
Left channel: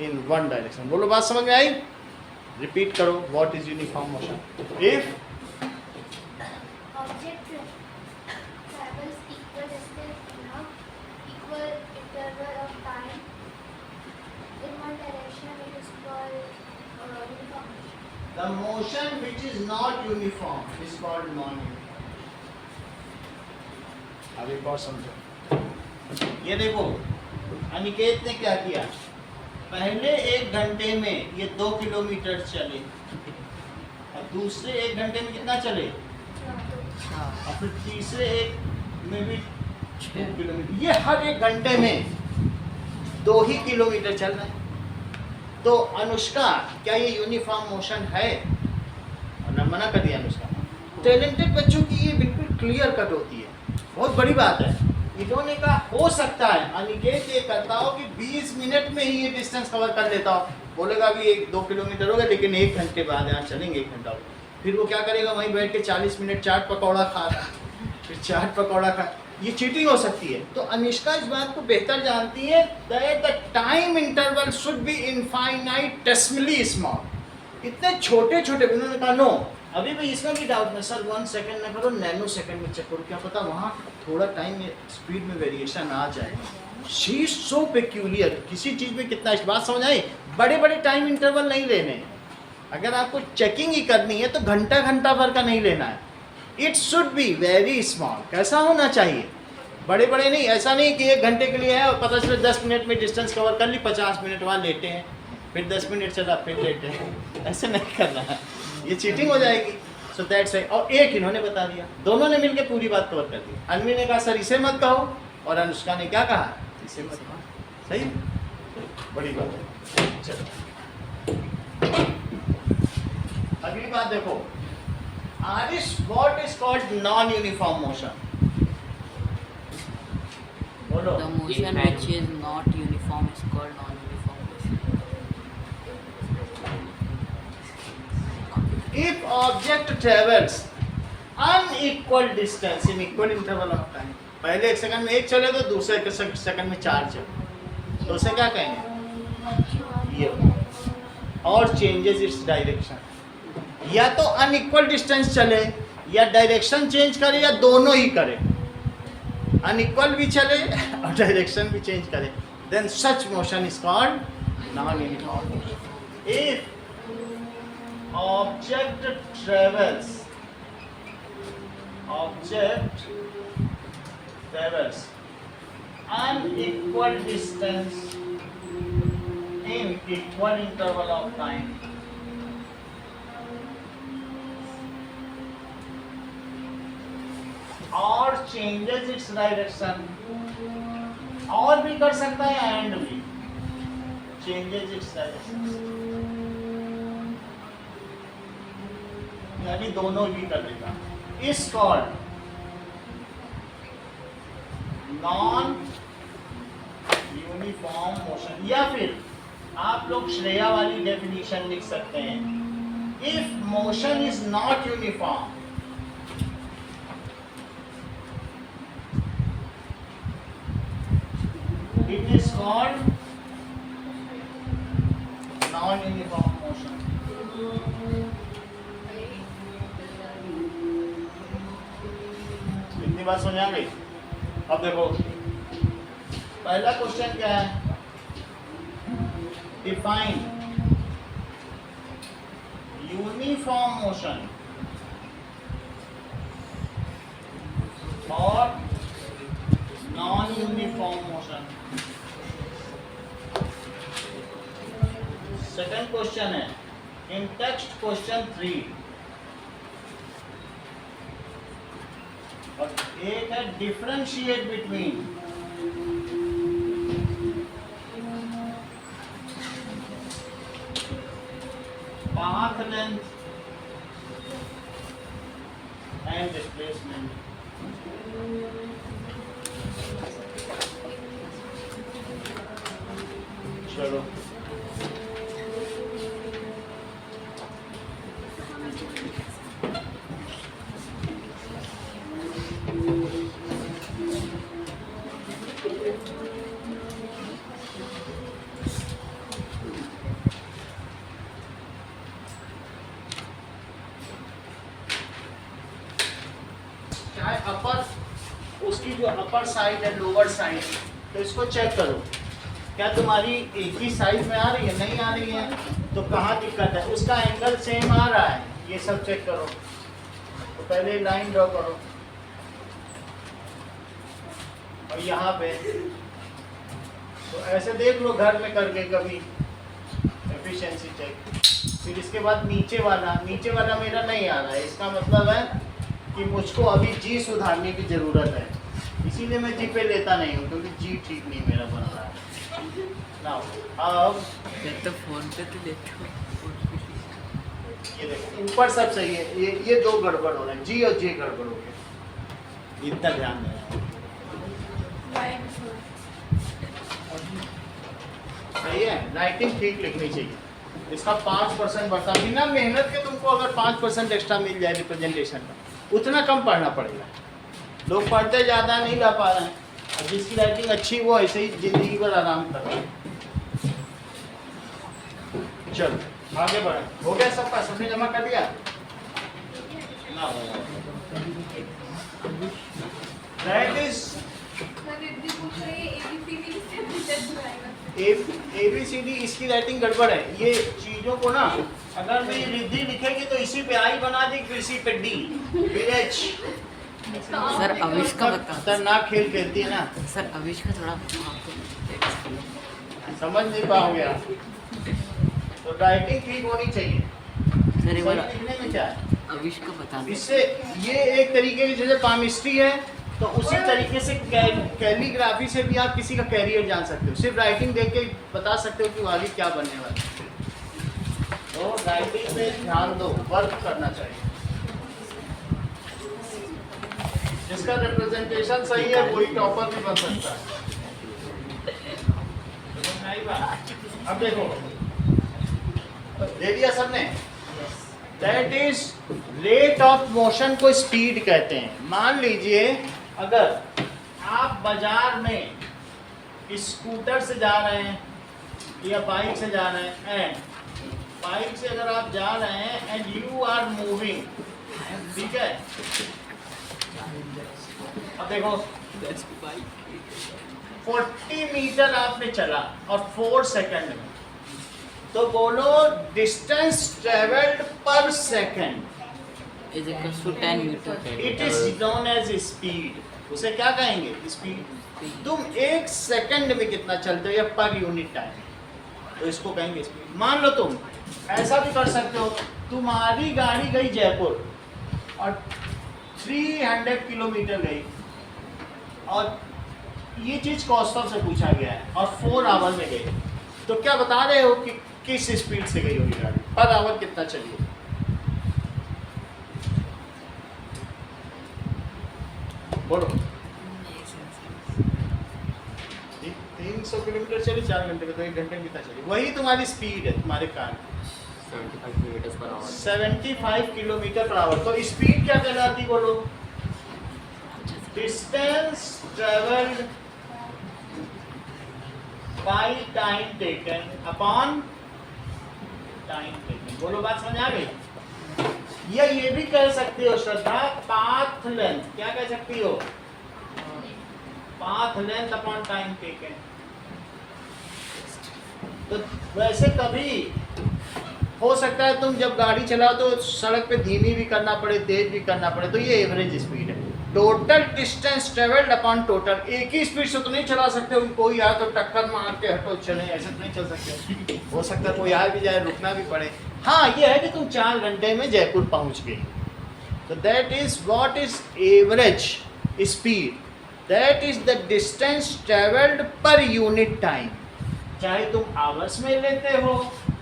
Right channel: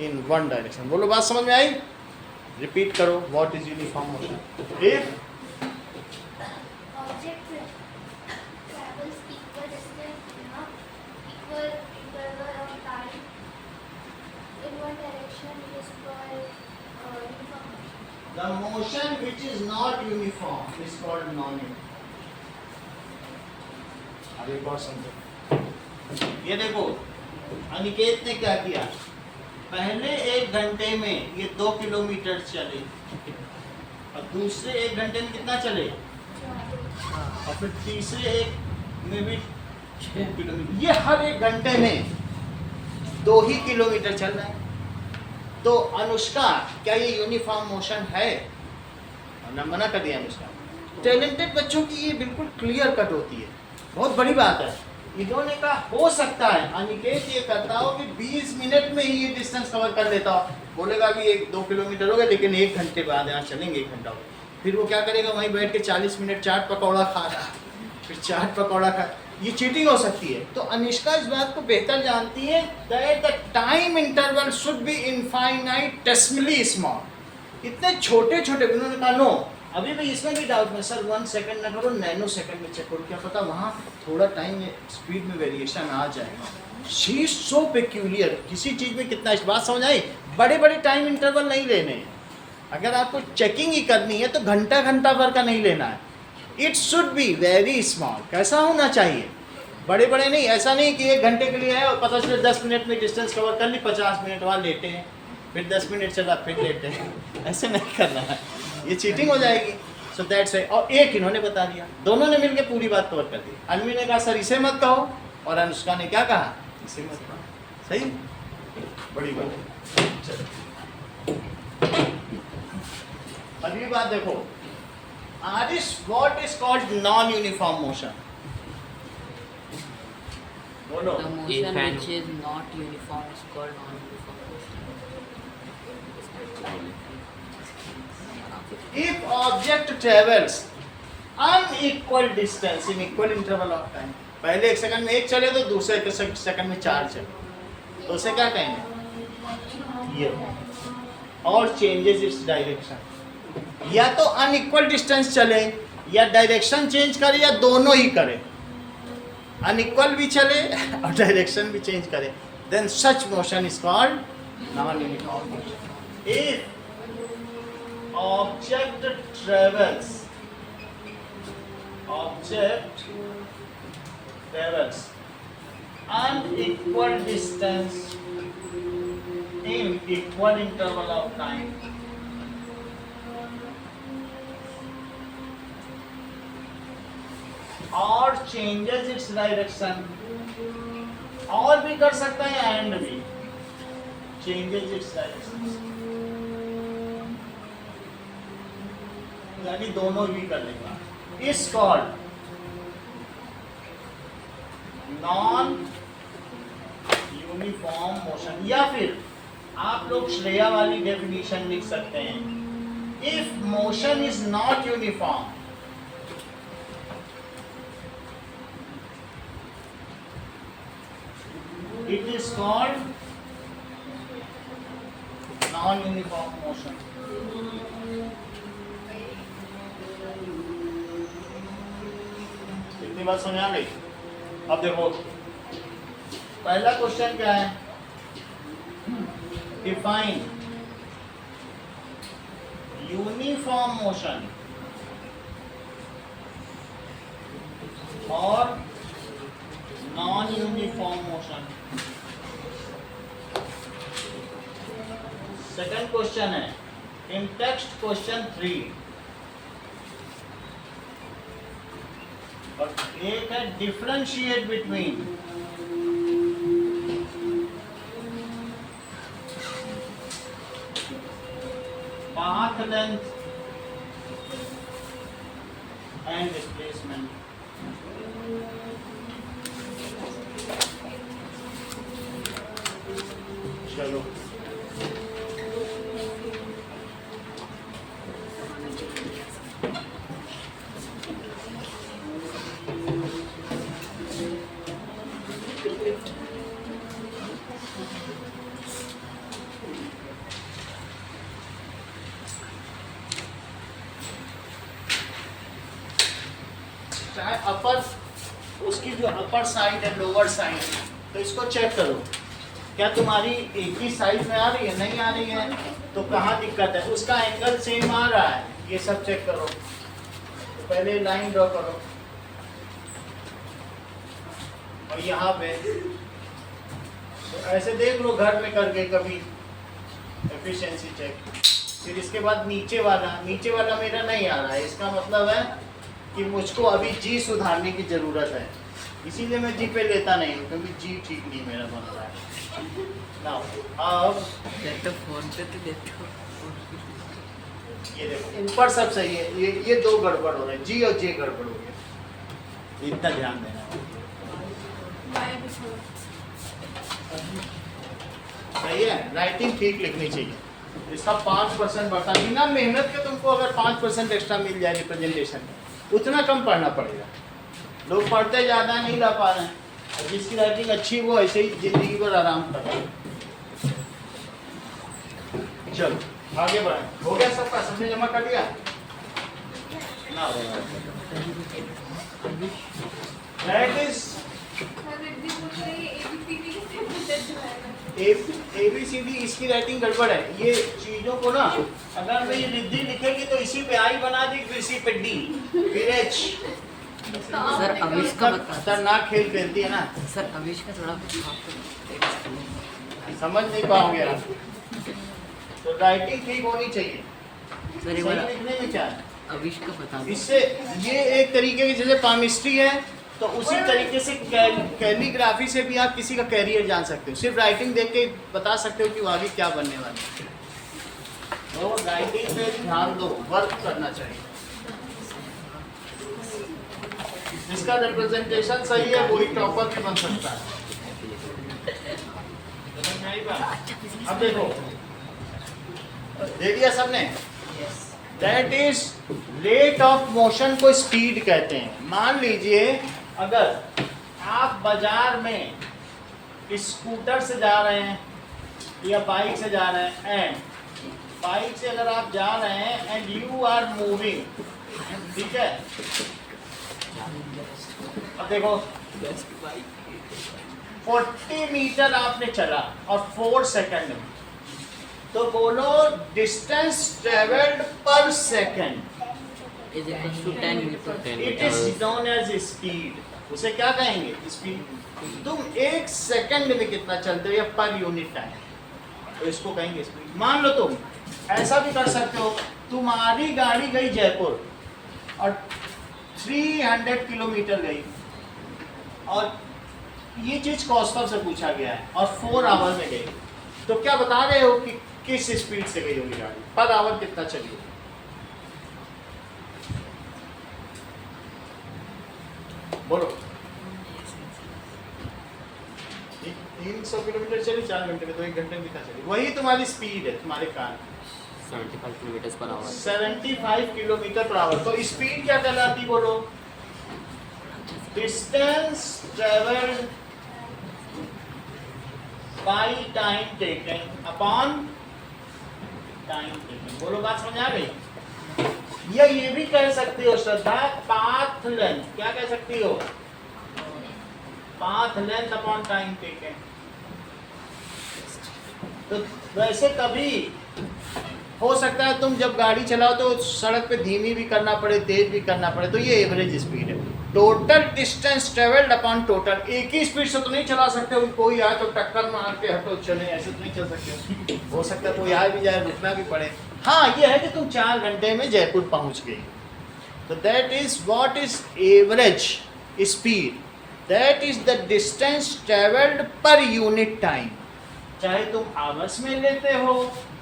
इन वन डायरेक्शन। बोलो बात समझ में आई? रिपीट करो, what is uniform motion? If Object travels equal distance in a equal interval of time in one direction, it is called uniform motion. the motion which is not uniform is called non-uniform। अब एक बार समझो, ये देखो अनिकेत ने क्या किया, पहले 1 घंटे में ये 2 किलोमीटर चले और दूसरे 1 घंटे में कितना चले, और फिर तीसरे 1 में भी 2 किलोमीटर। ये हर 1 घंटे में 2 ही किलोमीटर चल रहे हैं। तो अनुष्का क्या ये यूनिफॉर्म मोशन है? और मना कर दिया अनुष्का। टैलेंटेड बच्चों की ये बिल्कुल क्लियर कट होती है, बहुत बड़ी बात है। इन्होंने कहा हो सकता है अनिकेत ये करता हो कि 20 मिनट में ही ये डिस्टेंस कवर कर लेता हो, बोलेगा कि 1-2 किलोमीटर हो गया, लेकिन 1 घंटे बाद यहाँ चलेंगे, 1 घंटा हो गया। फिर वो क्या करेगा, वहीं बैठ के 40 मिनट चाट पकौड़ा खा रहा, फिर चाट पकौड़ा खा, ये चीटिंग हो सकती है। तो अनुष्का इस बात को बेहतर जानती है that the time interval should be infinitesimally small. इतने छोटे छोटे, उन्होंने कहा नो, अभी भी इसमें भी डाउट में सर 1 सेकंड में करो, नैनो सेकंड में चेक करो, क्या पता वहाँ थोड़ा टाइम में स्पीड में वेरिएशन आ जाए। शी इज सो पेक्यूलियर, किसी चीज़ में कितना, इस बात समझ आई? बड़े बड़े टाइम इंटरवल नहीं लेने हैं, अगर आपको चेकिंग ही करनी है तो घंटा घंटा भर का नहीं लेना है। It should be very small. कैसा होना चाहिए? बड़े बड़े नहीं, ऐसा नहीं कि 1 घंटे के लिए है और पता चले 10 मिनट में डिस्टेंस कवर कर ली, 50 मिनट वहाँ लेटे हैं, फिर 10 मिनट चला फिर लेटे हैं, ऐसे नहीं करना है, ये चीटिंग हो जाएगी। So that's why. और एक इन्होंने बता दिया, दोनों ने मिलकर पूरी बात कवर कर दी। अनवी ने कहा सर इसे मत कहो, और अनुष्का ने क्या कहा, इसे मत कहो। सही, बड़ी बात है। चलो अगली बात देखो, Aarish what is called non uniform motion? बोलो। The motion which is not uniform is called non-uniform motion. If object travels unequal distance in equal interval of time, पहले 1 सेकंड में 1 चले तो दूसरे 1 सेकंड में 4 चले, तो उसे क्या कहेंगे? ये और चेंजेस इट्स डायरेक्शन, या तो अनइक्वल डिस्टेंस चले या डायरेक्शन चेंज करे या दोनों ही करे, अनइक्वल भी चले और डायरेक्शन भी चेंज करे, then such motion is called non uniform motion. If object travels unequal distance in equal interval of time, और changes its direction, और भी कर सकता है एंड भी changes its direction, यानी दोनों भी कर लेगा, is called non uniform motion. या फिर आप लोग श्रेया वाली डेफिनेशन लिख सकते हैं, if motion is not uniform, it is called non uniform motion. इतनी बात समझ आ गई? अब देखो पहला क्वेश्चन क्या है, डिफाइन यूनिफॉर्म मोशन और non uniform motion. Second question है इन टेक्स्ट क्वेश्चन 3, और एक है differentiate between path length and displacement. चलो चाहे अपर, उसकी जो अपर साइड है लोअर साइड, तो इसको चेक करो क्या तुम्हारी एक ही साइड में आ रही है, नहीं आ रही है, तो कहाँ दिक्कत है। उसका एंगल सेम आ रहा है, ये सब चेक करो। तो पहले लाइन ड्रॉ करो और यहाँ पे तो ऐसे देख लो घर में करके कभी एफिशिएंसी चेक। फिर इसके बाद नीचे वाला मेरा नहीं आ रहा है, इसका मतलब है कि मुझको अभी जी सुधारने की ज़रूरत है, इसीलिए मैं जी पे लेता नहीं हूँ, क्योंकि जी ठीक नहीं मेरा बन रहा है। नाउ अब तो फोन पे तो देखो, ये देखो ऊपर सब सही है, ये दो गड़बड़ हो रहे हैं, जी और जे गड़बड़ हो गया, इतना ध्यान देना होगा। Y भी थोड़ा सही है, राइटिंग ठीक लिखनी चाहिए। इसका 5% बढ़ता, बिना मेहनत के तुमको अगर 5% एक्स्ट्रा मिल जाए रिप्रेजेंटेशन का, उतना कम पढ़ना पड़ेगा। लोग पढ़ते ज़्यादा नहीं ला पा रहे हैं, और जिसकी राइटिंग अच्छी वो ऐसे ही ज़िंदगी भर आराम कर रहा है। चलो आगे बढ़ा, हो गया सबका, सबने जमा कर दिया ना? दैट इज ABCD, इसकी राइटिंग गड़बड़ है। ये चीजों को ना, अगर मैं ये रिद्धि लिखेगी तो इसी पे आई बना देगी, फिर इसी पे D, फिर H। सर अविश का बता, खतरनाक खेल खेलती है ना, सर अविश का थोड़ा समझ नहीं पाओगे आप। तो राइटिंग ठीक होनी चाहिए। सर सही एक बार लिखने में क्या है, अविश का बता दो। इससे ये एक तरीके की, जैसे पामिस्ट्री है तो उसी तरीके से कैलीग्राफी से भी आप किसी का कैरियर जान सकते हो। सिर्फ राइटिंग देख के बता सकते हो कि वो आगे क्या बनने वाला है। तो राइटिंग पे ध्यान दो, वर्क करना चाहिए। जिसका रिप्रेजेंटेशन सही है वही टॉपर भी बन सकता है। समझ में आई बात? अब देखो, दे दिया सबने। That is rate of motion को स्पीड कहते हैं। मान लीजिए अगर आप बाजार में स्कूटर से जा रहे हैं या बाइक से जा रहे हैं, एंड बाइक से अगर आप जा रहे हैं एंड यू आर मूविंग, ठीक है। अब देखो 40 मीटर आपने चला और 4 सेकंड में, तो बोलो distance travelled per second is equal to 10 metre. It is known as speed. उसे क्या कहेंगे, स्पीड। तुम 1 सेकंड में कितना चलते हो या पर यूनिट टाइम, तो इसको कहेंगे स्पीड। मान लो तुम ऐसा भी कर सकते हो, तुम्हारी गाड़ी गई जयपुर और 300 किलोमीटर गई, और ये चीज़ कॉस्टअप से पूछा गया है, और 4 आवर में गई, तो क्या बता रहे हो कि किस स्पीड से गई होगी गाड़ी, पर आवर कितना चली होगी? बोलो। 300 किलोमीटर चली 4 घंटे में, तो 1 घंटे में कितना चली? वही तुम्हारी स्पीड है, तुम्हारे car 75 kilometre per hour. 75 kilometre per hour. तो स्पीड क्या कहलाती, बोलो? Distance travelled by time taken upon time taken. बोलो, बात समझ आ गई? या ये भी कह सकते हो श्रद्धा, पाथ लेंथ। क्या कह सकती हो? Path length upon time taken. तो वैसे कभी हो सकता है तुम जब गाड़ी चलाओ तो सड़क पे धीमी भी करना पड़े, तेज भी करना पड़े, तो ये एवरेज स्पीड है। Total distance travelled upon total. एक ही स्पीड से तो नहीं चला सकते हो, कोई आए तो टक्कर मार के हटो चले, ऐसे तो नहीं चल सकते। हो सकता है कोई आ भी जाए, रुकना भी पड़े। हाँ, ये है कि तुम 4 घंटे में जयपुर पहुंच गए, तो that is what is average speed, that is the distance travelled पर यूनिट टाइम। चाहे तुम आवर्स में लेते हो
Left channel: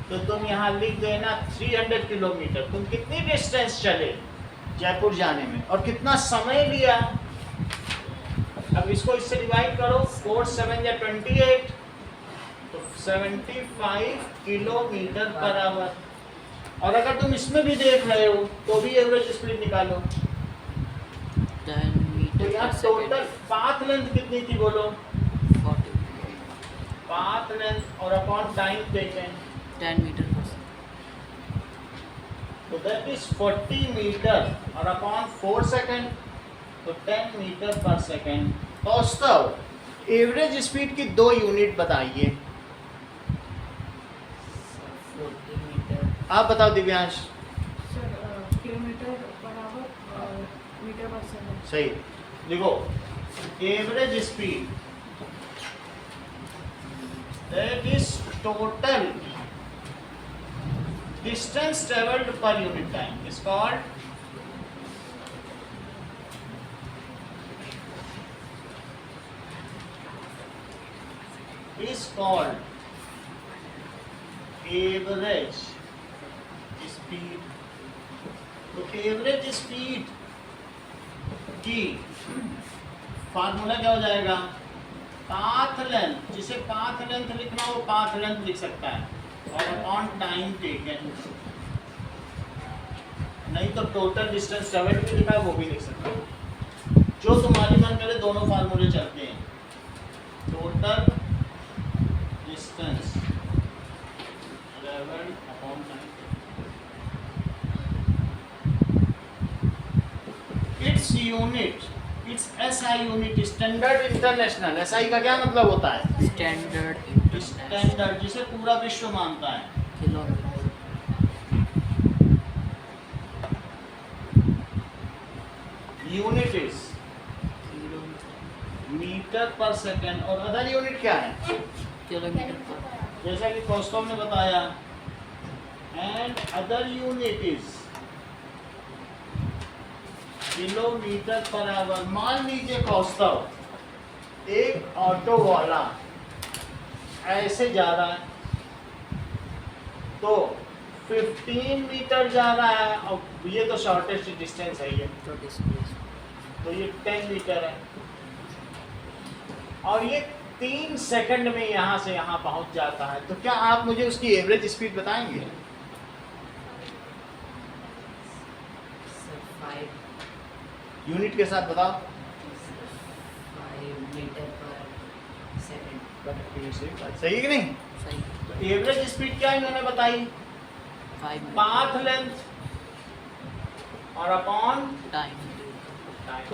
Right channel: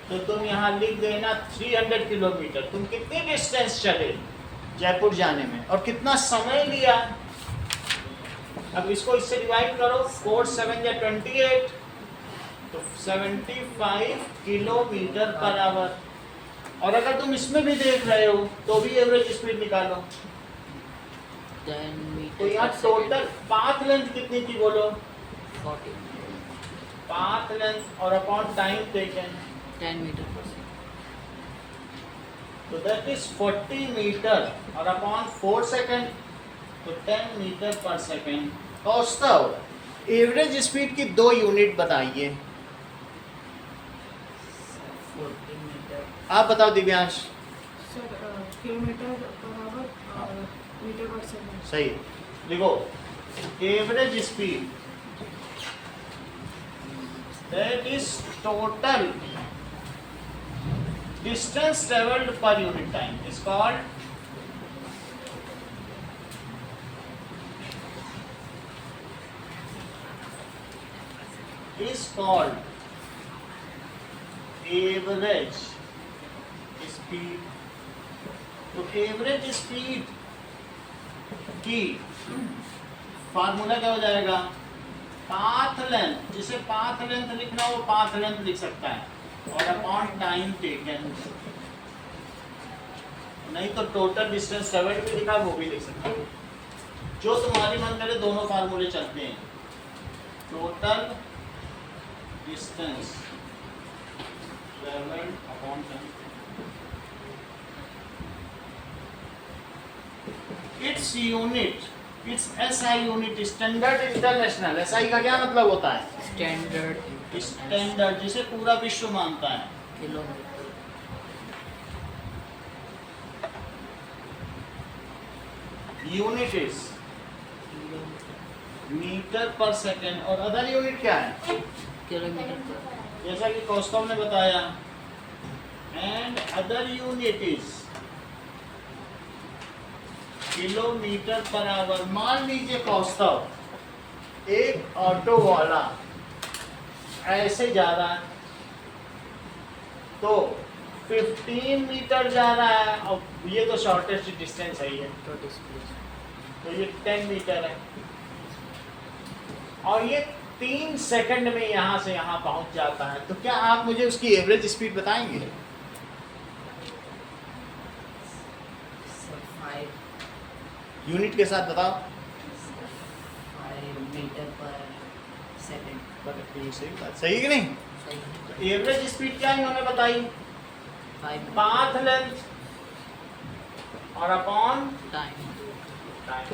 तो तुम यहाँ लिख देना 300 किलोमीटर, तुम कितनी डिस्टेंस चले, जयपुर जाने में, और कितना समय लिया। अब इसको इससे डिवाइड करो, 4 7 या 28, तो 75 किलोमीटर पर आवर। और अगर तुम इसमें भी देख रहे हो तो भी एवरेज स्पीड निकालो। 10 तो मीटर यहाँ पर टोटल पाथ लेंथ कितनी थी बोलो? 40 पाथ लेंथ और अपॉन टाइम टेकन, 10 मीटर पर सेकंड। तो दैट इज 40 मीटर और अपॉन 4 सेकेंड, तो 10 मीटर पर सेकेंड। कौस्तव, एवरेज स्पीड की 2 यूनिट बताइए। 40 मीटर आप बताओ Divyansh. Sir kilometre per hour और मीटर पर सेकंड। सही। देखो, average speed that is total distance travelled पर unit time is called average speed. तो एवरेज स्पीड की फार्मूला क्या हो जाएगा? पाथ लेंथ, जिसे पाथ लेंथ लिखना हो पाथ लेंथ लिख सकता है, और अपॉन टाइम टेकन। नहीं तो टोटल डिस्टेंस ट्रेवल्ड भी लिखा है, वो भी लिख सकता है। जो तुम्हारी मन करे, दोनों फार्मूले चलते हैं। Total distance travelled upon time. Its unit, it's SI unit, standard international. SI का क्या मतलब होता है? स्टैंडर्ड स्टैंडर्ड, जिसे पूरा विश्व मानता है। किलोमीटर यूनिट इज मीटर पर सेकेंड, और अदर यूनिट क्या है? किलोमीटर पर जैसा कि कौस्तव ने बताया, and other unit is kilometre per hour. मान लीजिए कौस्तव, एक ऑटो वाला ऐसे जा रहा है, तो 15 मीटर जा रहा है, और ये तो शॉर्टेस्ट डिस्टेंस है ये, तो डिस्प्लेसमेंट तो ये 10 मीटर है, और ये 3 सेकंड में यहाँ से यहाँ पहुँच जाता है। तो क्या आप मुझे उसकी एवरेज स्पीड बताएंगे? सर 5 यूनिट के साथ बताओ। 5 मीटर पर सेकंड। सही कि नहीं? सही तो एवरेज स्पीड क्या इन्होंने बताई? 5 पाथ लेंथ और upon time time,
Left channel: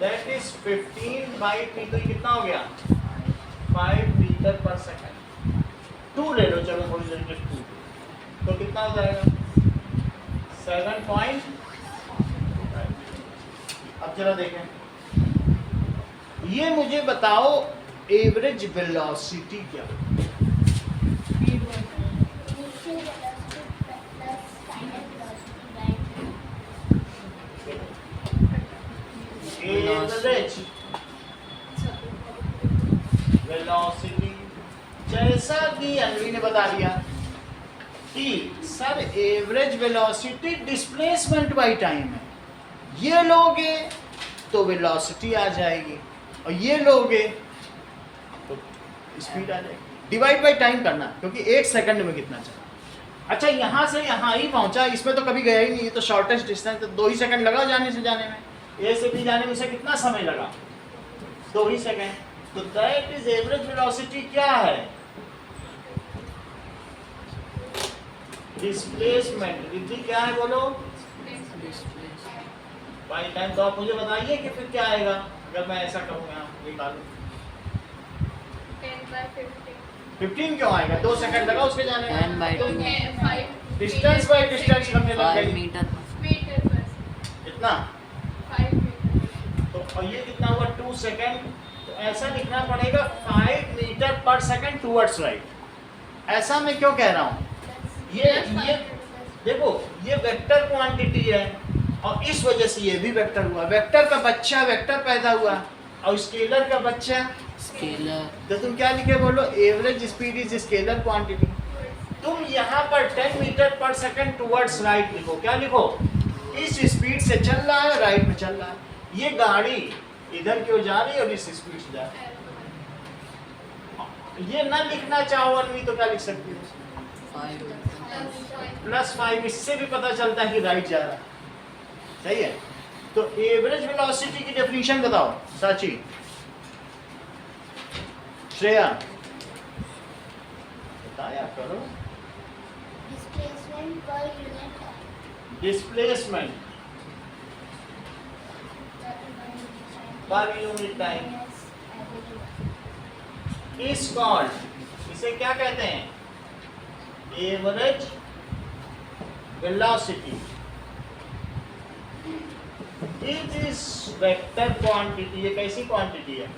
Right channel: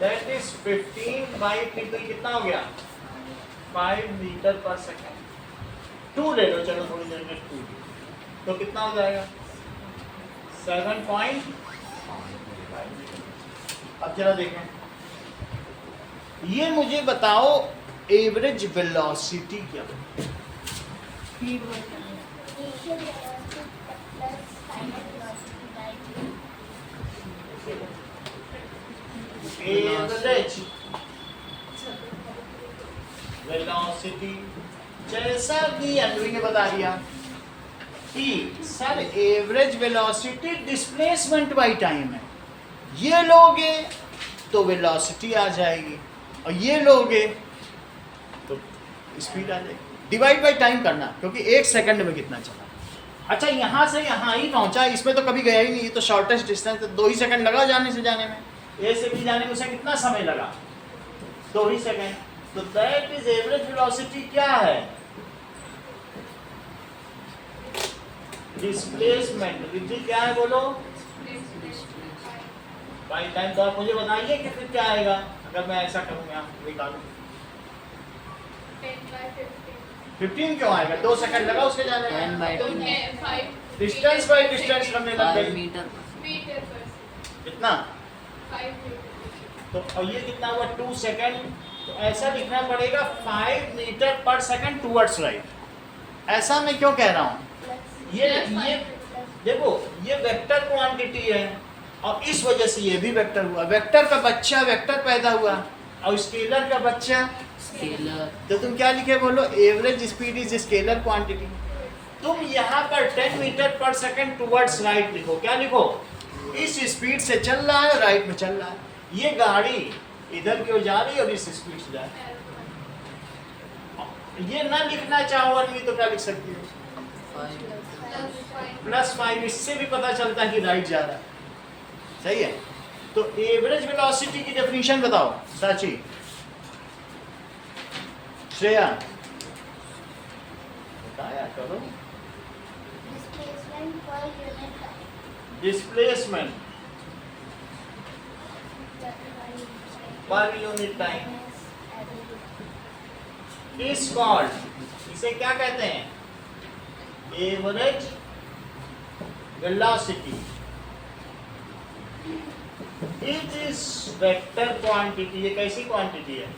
that is 15 by 3, तो ये कितना हो गया? 5 मीटर पर सेकंड। 2 ले लो, चलो थोड़ी देर में 2, तो कितना हो जाएगा? 7.5। अब जरा देखें, ये मुझे बताओ एवरेज वेलोसिटी क्या है? स्पीड बढ़ता है। initial velocity plus final velocity, right? Average velocity, जैसा कि अनवी ने बता दिया कि sir average velocity displacement by time है। ये लोगे तो वेलोसिटी आ जाएगी, और ये लोगे तो स्पीड आ जाएगी। डिवाइड बाय टाइम करना, क्योंकि 1 सेकंड में कितना चला। अच्छा, यहाँ से यहाँ ही पहुँचा, इसमें तो कभी गया ही नहीं, तो शॉर्टेस्ट डिस्टेंस, तो 2 ही सेकंड लगा जाने से जाने में। ए से बी जाने में उसे कितना समय लगा? 2 ही सेकंड। तो दैट इज एवरेज वेलोसिटी क्या है? डिस्प्लेसमेंट। रिद्धि क्या है बोलो? By time. तो आप मुझे बताइए कि फिर क्या आएगा अगर मैं ऐसा कहूँ, यहाँ निकालूं। 15 क्यों आएगा? 2 सेकंड लगा उसके जाने 10 में, बाई तो 2 डिस्टेंस बाई डिस्टेंस करने लग 5 गई। मीटर पर कितना? तो और ये कितना हुआ? 2 सेकंड। तो ऐसा लिखना पड़ेगा 5 मीटर पर सेकंड टूवर्ड्स राइट। ऐसा मैं क्यों कह रहा हूँ? ये देखो, ये वेक्टर क्वांटिटी है, और इस वजह से ये भी वेक्टर हुआ। वेक्टर का बच्चा वेक्टर पैदा हुआ, और स्केलर का बच्चा स्केलर। तो तुम क्या लिखे बोलो? Average speed is scalar quantity. तुम यहाँ पर 10 मीटर पर सेकंड टूवर्ड्स राइट लिखो। क्या लिखो? इस स्पीड से चल रहा है, राइट में चल रहा है। ये गाड़ी इधर की ओर जा रही है और इस स्पीड से जा रही है। ये ना लिखना चाहो अन्वी तो क्या लिख सकती है? +5। इससे भी पता चलता है कि राइट जा रहा है। सही है। तो एवरेज वेलोसिटी की डेफिनेशन बताओ साची, श्रेया बताया करो। Displacement per unit time. Displacement पर यूनिट टाइम इज कॉल्ड, इसे क्या कहते हैं? Average velocity. It is vector quantity. ये कैसी क्वांटिटी है?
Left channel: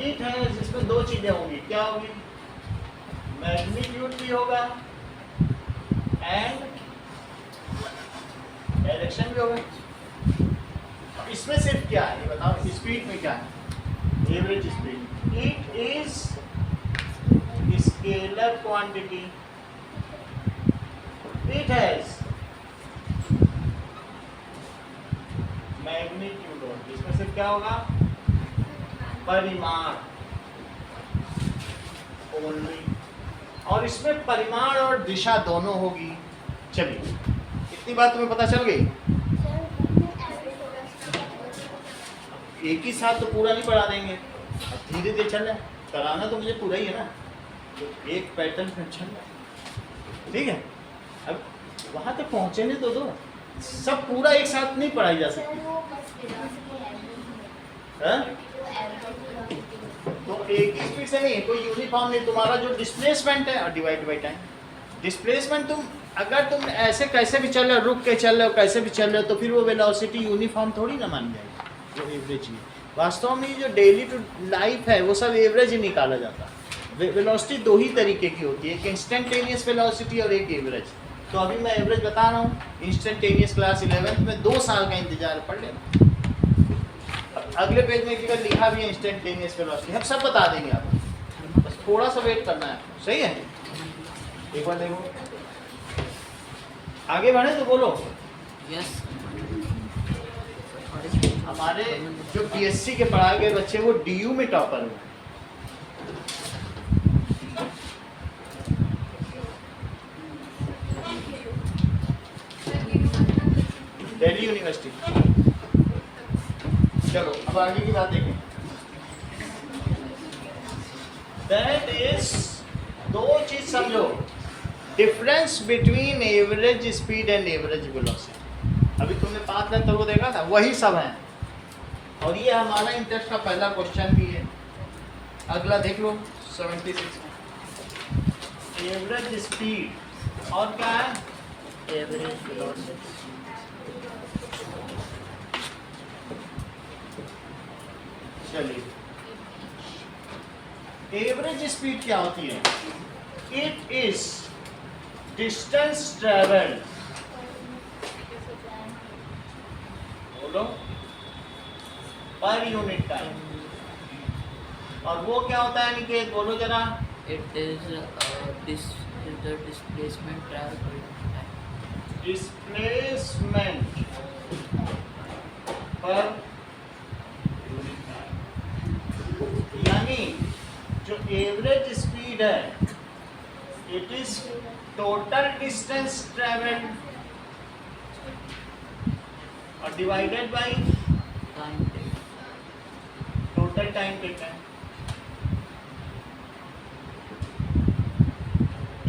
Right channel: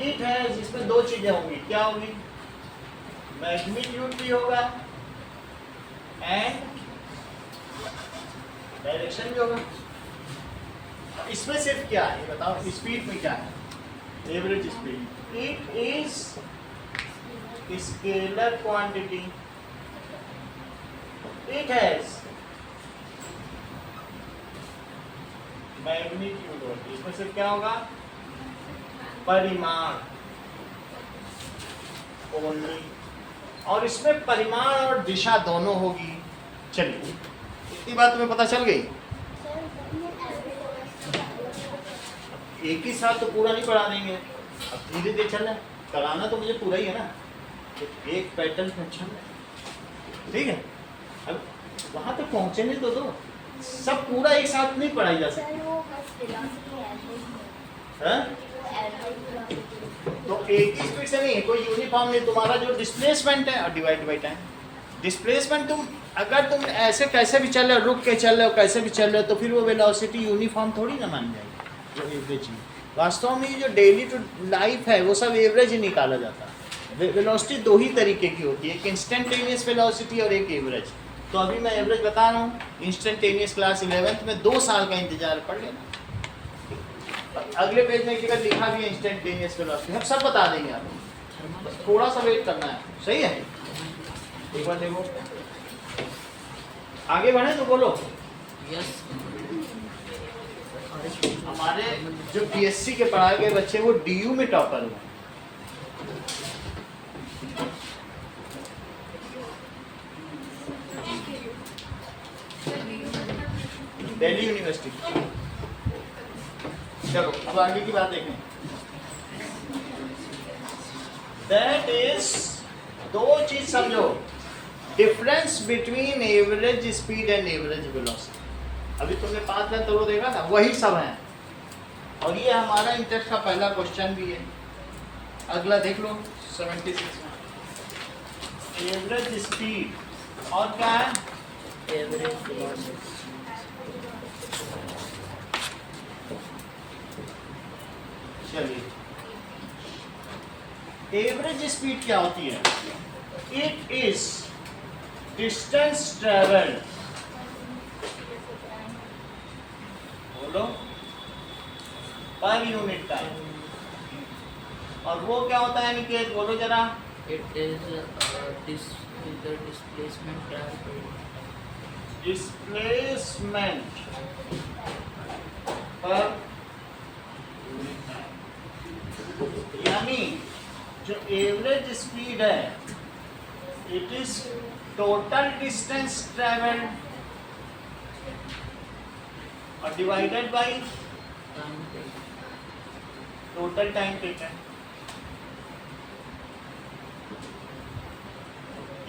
इट है, इसमें दो चीजें होंगी। क्या होगी? मैग्नीट्यूड भी होगा एंड डायरेक्शन भी होगा। इसमें सिर्फ क्या है ये बताओ, स्पीड में क्या है? Average speed. It is scalar quantity. It has magnitude होगी। इसमें सिर्फ क्या होगा? परिमाण ओनली। और इसमें परिमाण और दिशा दोनों होगी। चलिए इतनी बात तुम्हें पता चल गई। एक ही साथ तो पूरा नहीं पढ़ा देंगे, अब धीरे धीरे चल रहा है। कराना तो मुझे पूरा ही है ना, तो एक पैटर्न में चल रहा है। ठीक है, अब वहां तक पहुंचने तो दो। सब पूरा एक साथ नहीं पढ़ाई जा सकती। तो एक ही स्पीड से नहीं है, कोई यूनिफॉर्म नहीं। तुम्हारा जो डिस्प्लेसमेंट है और डिवाइड बाई टाइम। डिस्प्लेसमेंट अगर तुम ऐसे कैसे भी चल रहे हो, रुक के चल रहे हो, कैसे भी चल रहे हो, तो फिर वो वेलोसिटी यूनिफॉर्म थोड़ी ना मान जाएगी, वो एवरेज ही। वास्तव में जो डेली टू लाइफ है वो सब एवरेज ही निकाला जाता है। वेलोसिटी दो ही तरीके की होती है, एक इंस्टेंटेनियस वेलोसिटी और एक एवरेज। तो अभी मैं एवरेज बता रहा हूँ। इंस्टेंटेनियस क्लास 11th में 2 साल का इंतजार, पढ़ लेना। अगले पेज में एक जगह लिखा भी है इंस्टेंटेनियस वेलोसिटी, हम सब बता देंगे आपको, बस थोड़ा सा वेट करना है। सही है, एक बार देखो आगे बढ़े तो बोलो। यस। हमारे जो बीएससी के पढ़ाए गए बच्चे वो डीयू में टॉपर हुए। दिल्ली यूनिवर्सिटी। चलो अब आगे की बात देखें। दैट इज, दो चीज समझो, difference between average speed and average velocity. अभी तुमने 5 मिनट तो वो देखा था, वही सब है। और ये हमारा इंटरेस्ट का पहला क्वेश्चन भी है। अगला देख लो 76 में। एवरेज स्पीड और क्या है? Average velocity. चलिए, एवरेज स्पीड क्या होती है? इट इज डिस्टेंस ट्रेवल्ड, बोलो, पर यूनिट टाइम। और वो क्या होता है निकेत, बोलो जरा। It is the displacement travel time. Displacement पर यूनिट टाइम। यानी जो एवरेज स्पीड है, it is total distance travelled और divided by time taken. Total time taken.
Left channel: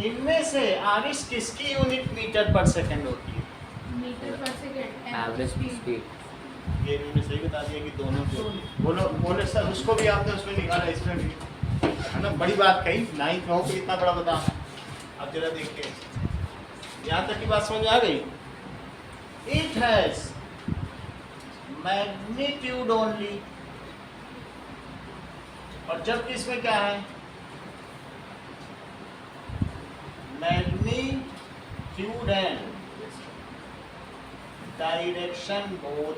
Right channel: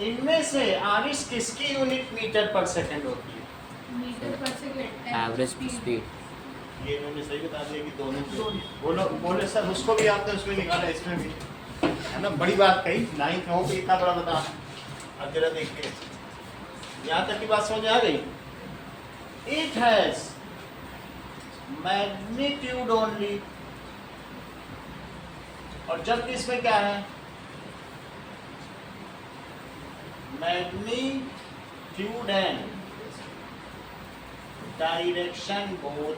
इनमें से आरिश किसकी यूनिट मीटर पर सेकंड होती है? मीटर पर सेकंड। Average speed. ये मैंने सही बता दिया कि दोनों की। बोलो बोले सर, उसको भी आपने उसमें निकाला, इसमें भी है ना। बड़ी बात कही, 9th में हो कि इतना बड़ा बताना। अब जरा देखते हैं यहाँ तक की बात समझ आ गई। इट हैज मैग्नीट्यूड ओनली, और जबकि इसमें क्या है? Magnitude and direction both.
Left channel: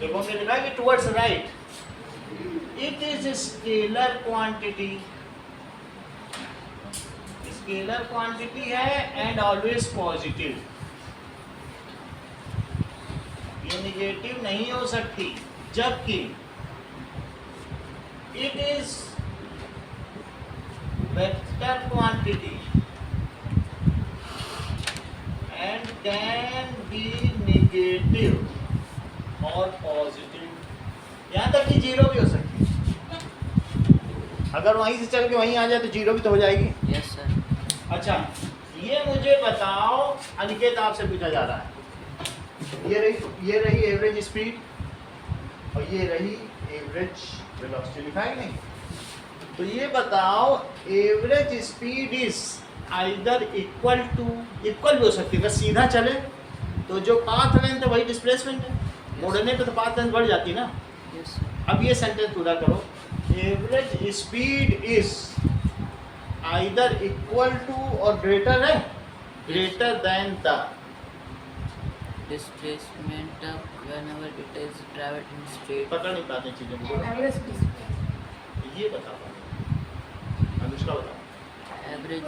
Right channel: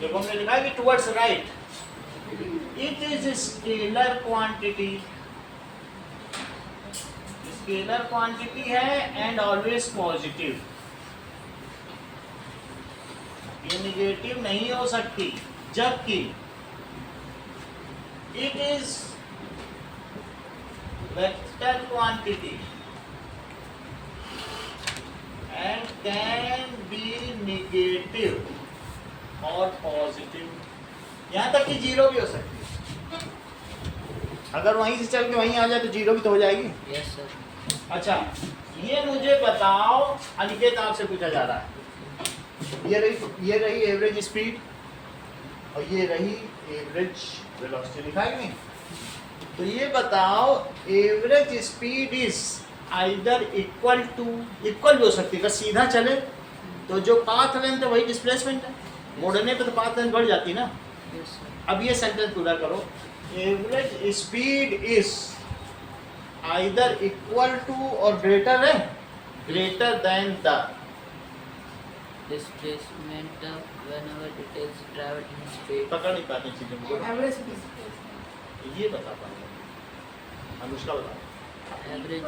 देखो हमने लिखा है कि towards right. It is scalar quantity. Scalar quantity है एंड ऑलवेज पॉजिटिव, ये निगेटिव नहीं हो सकती, जबकि it is vector quantity and can be negative और पॉजिटिव, यहाँ तक कि जीरो भी हो सकती है। अगर वहीं से चल के वहीं आ जाए तो जीरो भी तो हो जाएगी। Yes sir. अच्छा, ये मुझे बताओ, अनिकेत आपसे पूछा जा रहा है, ये रही एवरेज स्पीड और ये रही एवरेज वेलोसिटी, लिखा है कि नहीं? तो ये बताओ average speed is either equal भी हो सकती है, अगर सीधा चले तो जो पाथ लेंथ है वही डिस्प्लेसमेंट है, मोड़ने पे तो पाथ लेंथ बढ़ जाती है ना। Yes sir. अब ये सेंटेंस पूरा करो, average speed is either equal to और ग्रेटर है, greater than the displacement whenever it is travelled in speed. पकड़ नहीं पाते चीजें को, एवरेज स्पीड। ये बता पाएंगे। अनुष्का बता। Average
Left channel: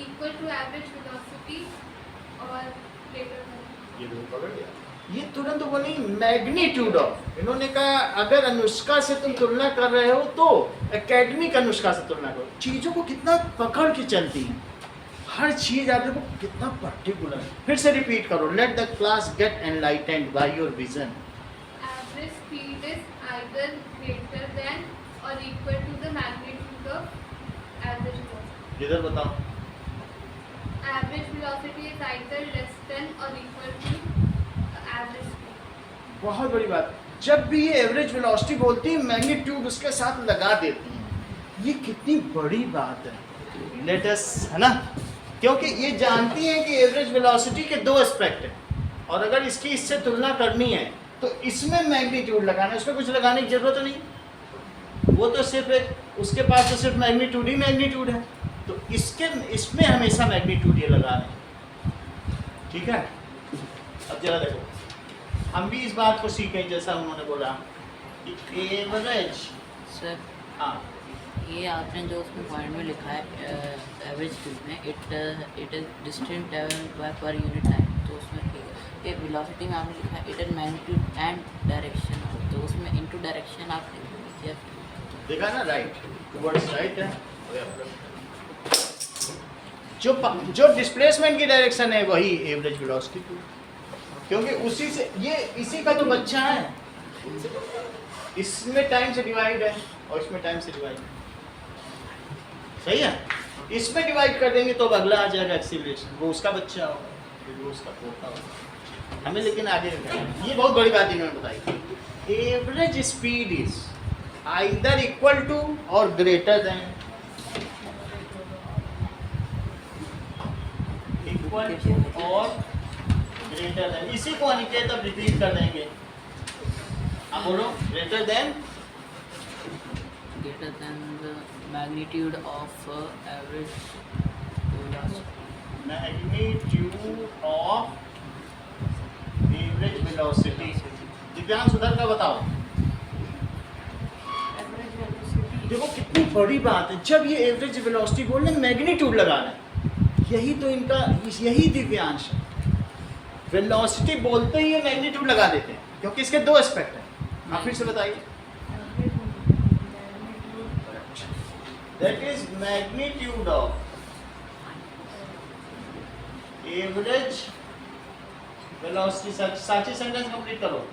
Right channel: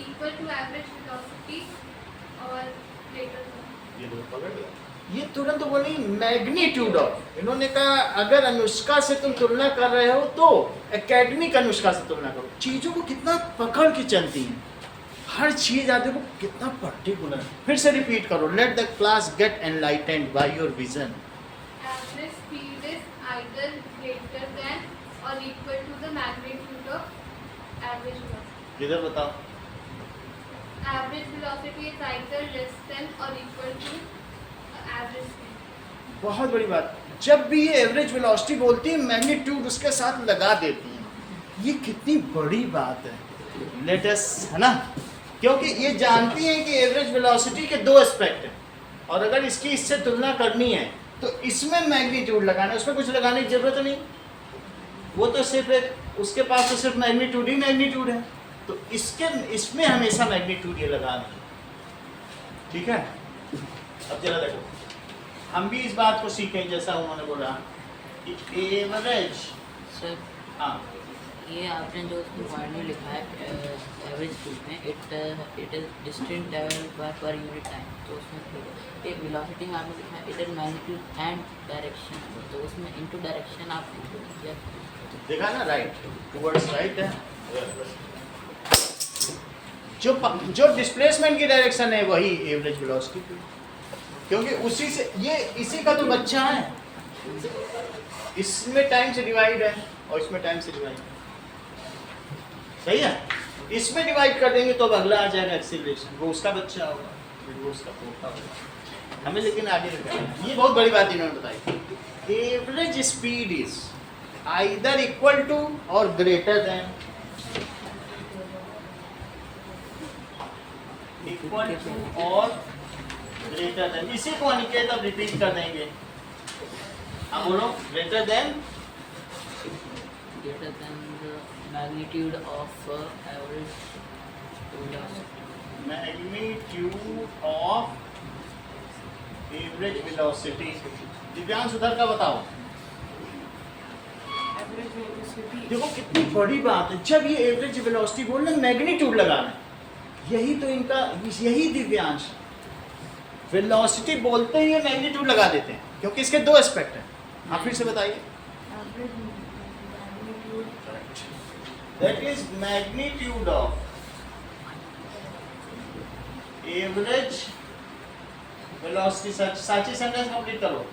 equal to average velocity or greater than। ये तो पकड़ लिया, ये तुरंत बोली मैग्नीट्यूड ऑफ। इन्होंने कहा अगर अनुष्का से तुम तुलना कर रहे हो तो एकेडमिक अनुष्का से तुलना करो। चीजों को कितना पकड़ के चलती हैं, हर चीज आते को कितना पर्टिकुलर। फिर से रिपीट करो, let the class get enlightened by your vision. Average speed is either greater than or equal to the magnitude of average velocity। इधर बताओ। Average velocity is either less than or equal to average speed। बहुत बड़ी बात, जब भी ये average velocity बोलती है मैग्नीट्यूड उसके साथ लगा देती है। ये कितनी बड़ी बात है, लेटेस है ना, क्योंकि ये जानती हैं कि एवरेज वेलोसिटी के दो एस्पेक्ट हैं और अगर इसकी इससे तुलना करनी है तो इसमें मैग्नीट्यूड लगाना है, उसमें कुछ लगाने की जरूरत नहीं। वो तो सिर्फ एक, उसके पास तो सिर्फ मैग्नीट्यूड ही मैग्नीट्यूड है, तो इसमें हमेशा मैग्नीट्यूड ये लगाना है। ठीक है, अब जरा देखो, हम भी इस बात को सीखें जैसा उन्होंने बोला कि एवरेज। सर हाँ, ये आपने जो उसमें पॉइंट में लिखा है एवरेज स्पीड में इट इज डिस्टेंस ट्रैवल पर यूनिट टाइम, तो उसमें ठीक है। ये वेलोसिटी में आपने लिखा है it is magnitude and direction, तो उसमें इनटू डायरेक्शन आपने किया। देखा ना, राइट टुवर्ड्स राइट है। जो डिस्प्लेसमेंट की डायरेक्शन है वही एवरेज वेलोसिटी की, क्योंकि उसी से ये इसी का तो बच्चा है। इसमें टाइम से डिवाइड है और इसमें टाइम से डिवाइड है, सही है। इसमें डिवाइड कर देंगे तो अब अगला आ जाएगा एक्सीलरेशन, वो उसका बच्चा होगा, फिर वो उसका पोता होगा। हमें लेकिन आगे निकलना है। ये बहुत बड़ी बात इन्होंने बताई, average speed is either equal to और ग्रेटर देन, इक्वल टू और ग्रेटर देन। इसी को अनिकेत अब रिपीट कर देंगे। हाँ बोलो, greater than the magnitude of average velocity। Magnitude of average velocity. Divyansh उधर का बताओ। Average velocity. देखो कितनी बड़ी बात है, जब ये एवरेज वेलोसिटी बोल रहे हैं मैग्नीट्यूड लगा रहे हैं, यही तो इनका, यही दिव्यांश है। वेलोसिटी बोलते ही ये मैग्नीट्यूड लगा देते हैं क्योंकि इसके दो एस्पेक्ट हैं। आप फिर से बताइए। Average magnitude that is magnitude of average velocity. साची सेंटेंस कंप्लीट करो।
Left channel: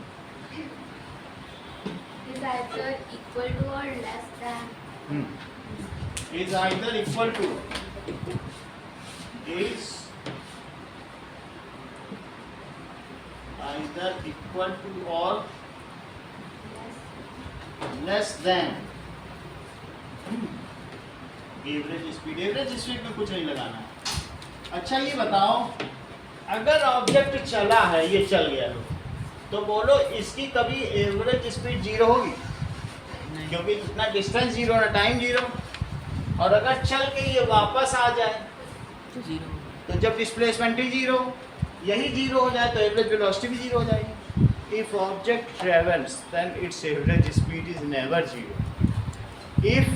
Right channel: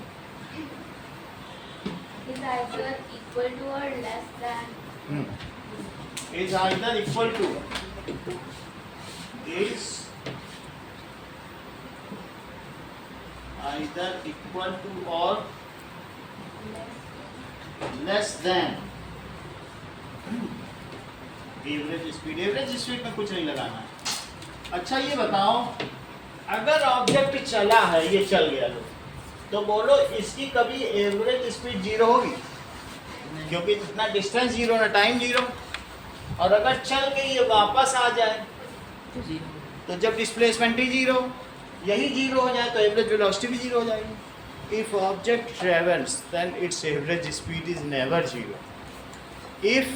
Is either equal to or less than। Is either equal to, is either equal to or less than average speed. Average speed में कुछ नहीं लगाना है। अच्छा ये बताओ, अगर ऑब्जेक्ट चला है, ये चल गया लो, तो बोलो इसकी कभी एवरेज स्पीड जीरो होगी? क्योंकि इतना डिस्टेंस जीरो ना टाइम जीरो। और अगर चल के ये वापस आ जाए तो जीरो। तो जब डिस्प्लेसमेंट ही जीरो, यही जीरो हो जाए तो एवरेज वेलोसिटी भी जीरो हो जाएगी। If object travels then its average speed is never zero. If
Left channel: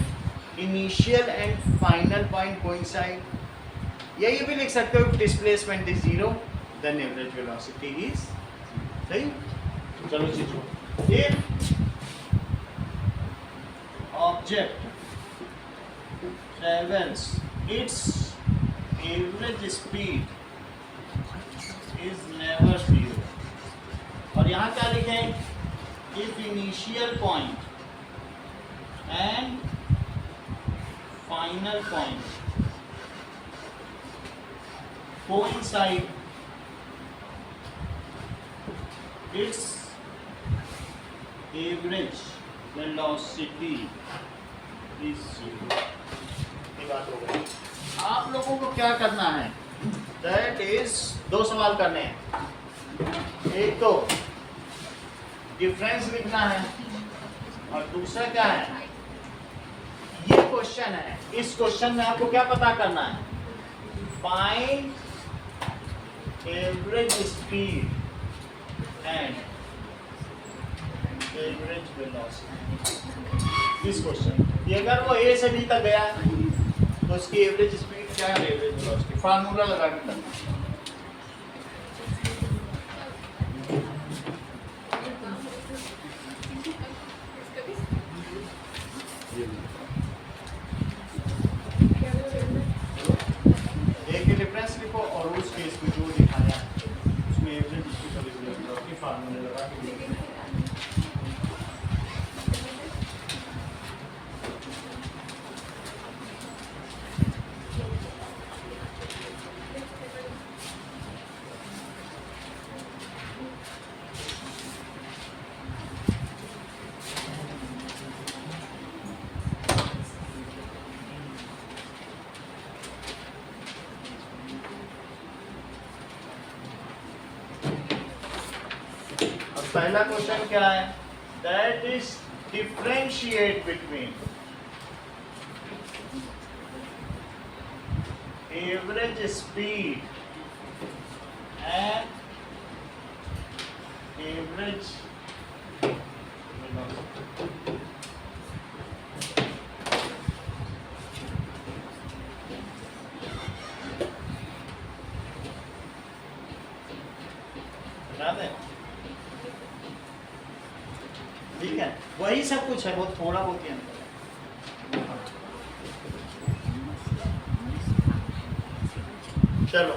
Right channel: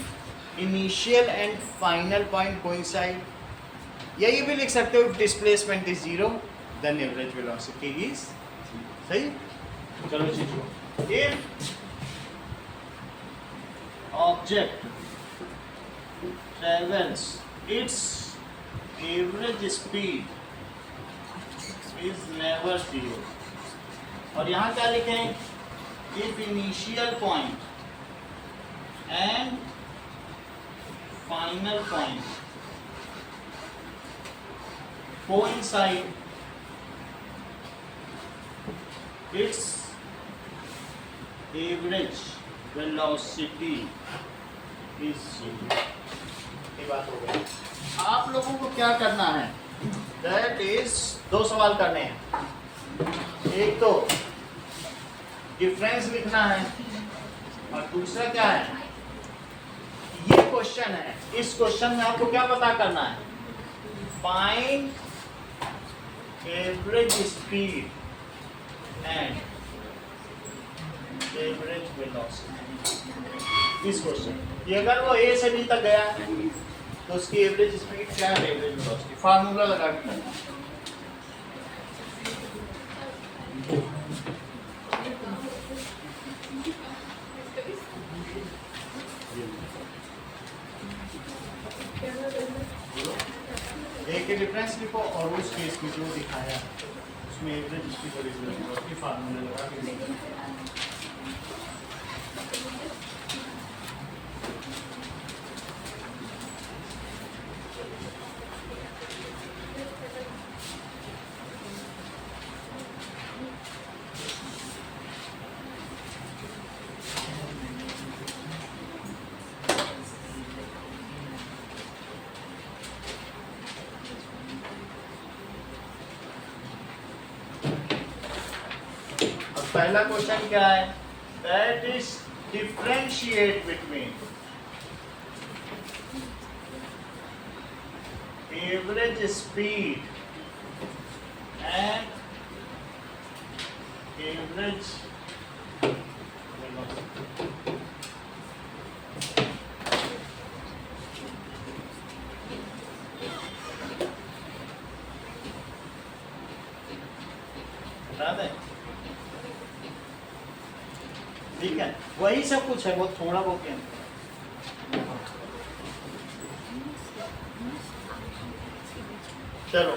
initial and final point coincide, या ये भी लिख सकते हो displacement is 0 then average velocity is, सही। चलो चीजों, if object travels its average speed is never 0, और यहाँ क्या लिखे, if initial point and final point coincide, its average velocity is 0। ये बात हो गई। आप लोगों को क्या करना है, दैट इज 2 सवाल करने हैं। एक तो डिफरेंस लिखना है और दूसरा क्या है, ये क्वेश्चन है, इस क्वेश्चन में आपको क्या पता करना है, find average speed and average velocity. इस क्वेश्चन ये अगर वो ए से बी तक गया तो उसकी एवरेज स्पीड क्या है, एवरेज वेलोसिटी, फार्मूला लगा के करना। एक ही डिफरेंस लिखो और उस केस में जो दिखाया उसमें एवरेज स्पीड और एवरेज वेलोसिटी फार्मूला लगा के लिखो। पहला क्वेश्चन क्या है, that is differentiate between average speed and average velocity. ठीक है, वही सब कुछ है, बहुत थोड़ा बहुत ही अंतर है। चलो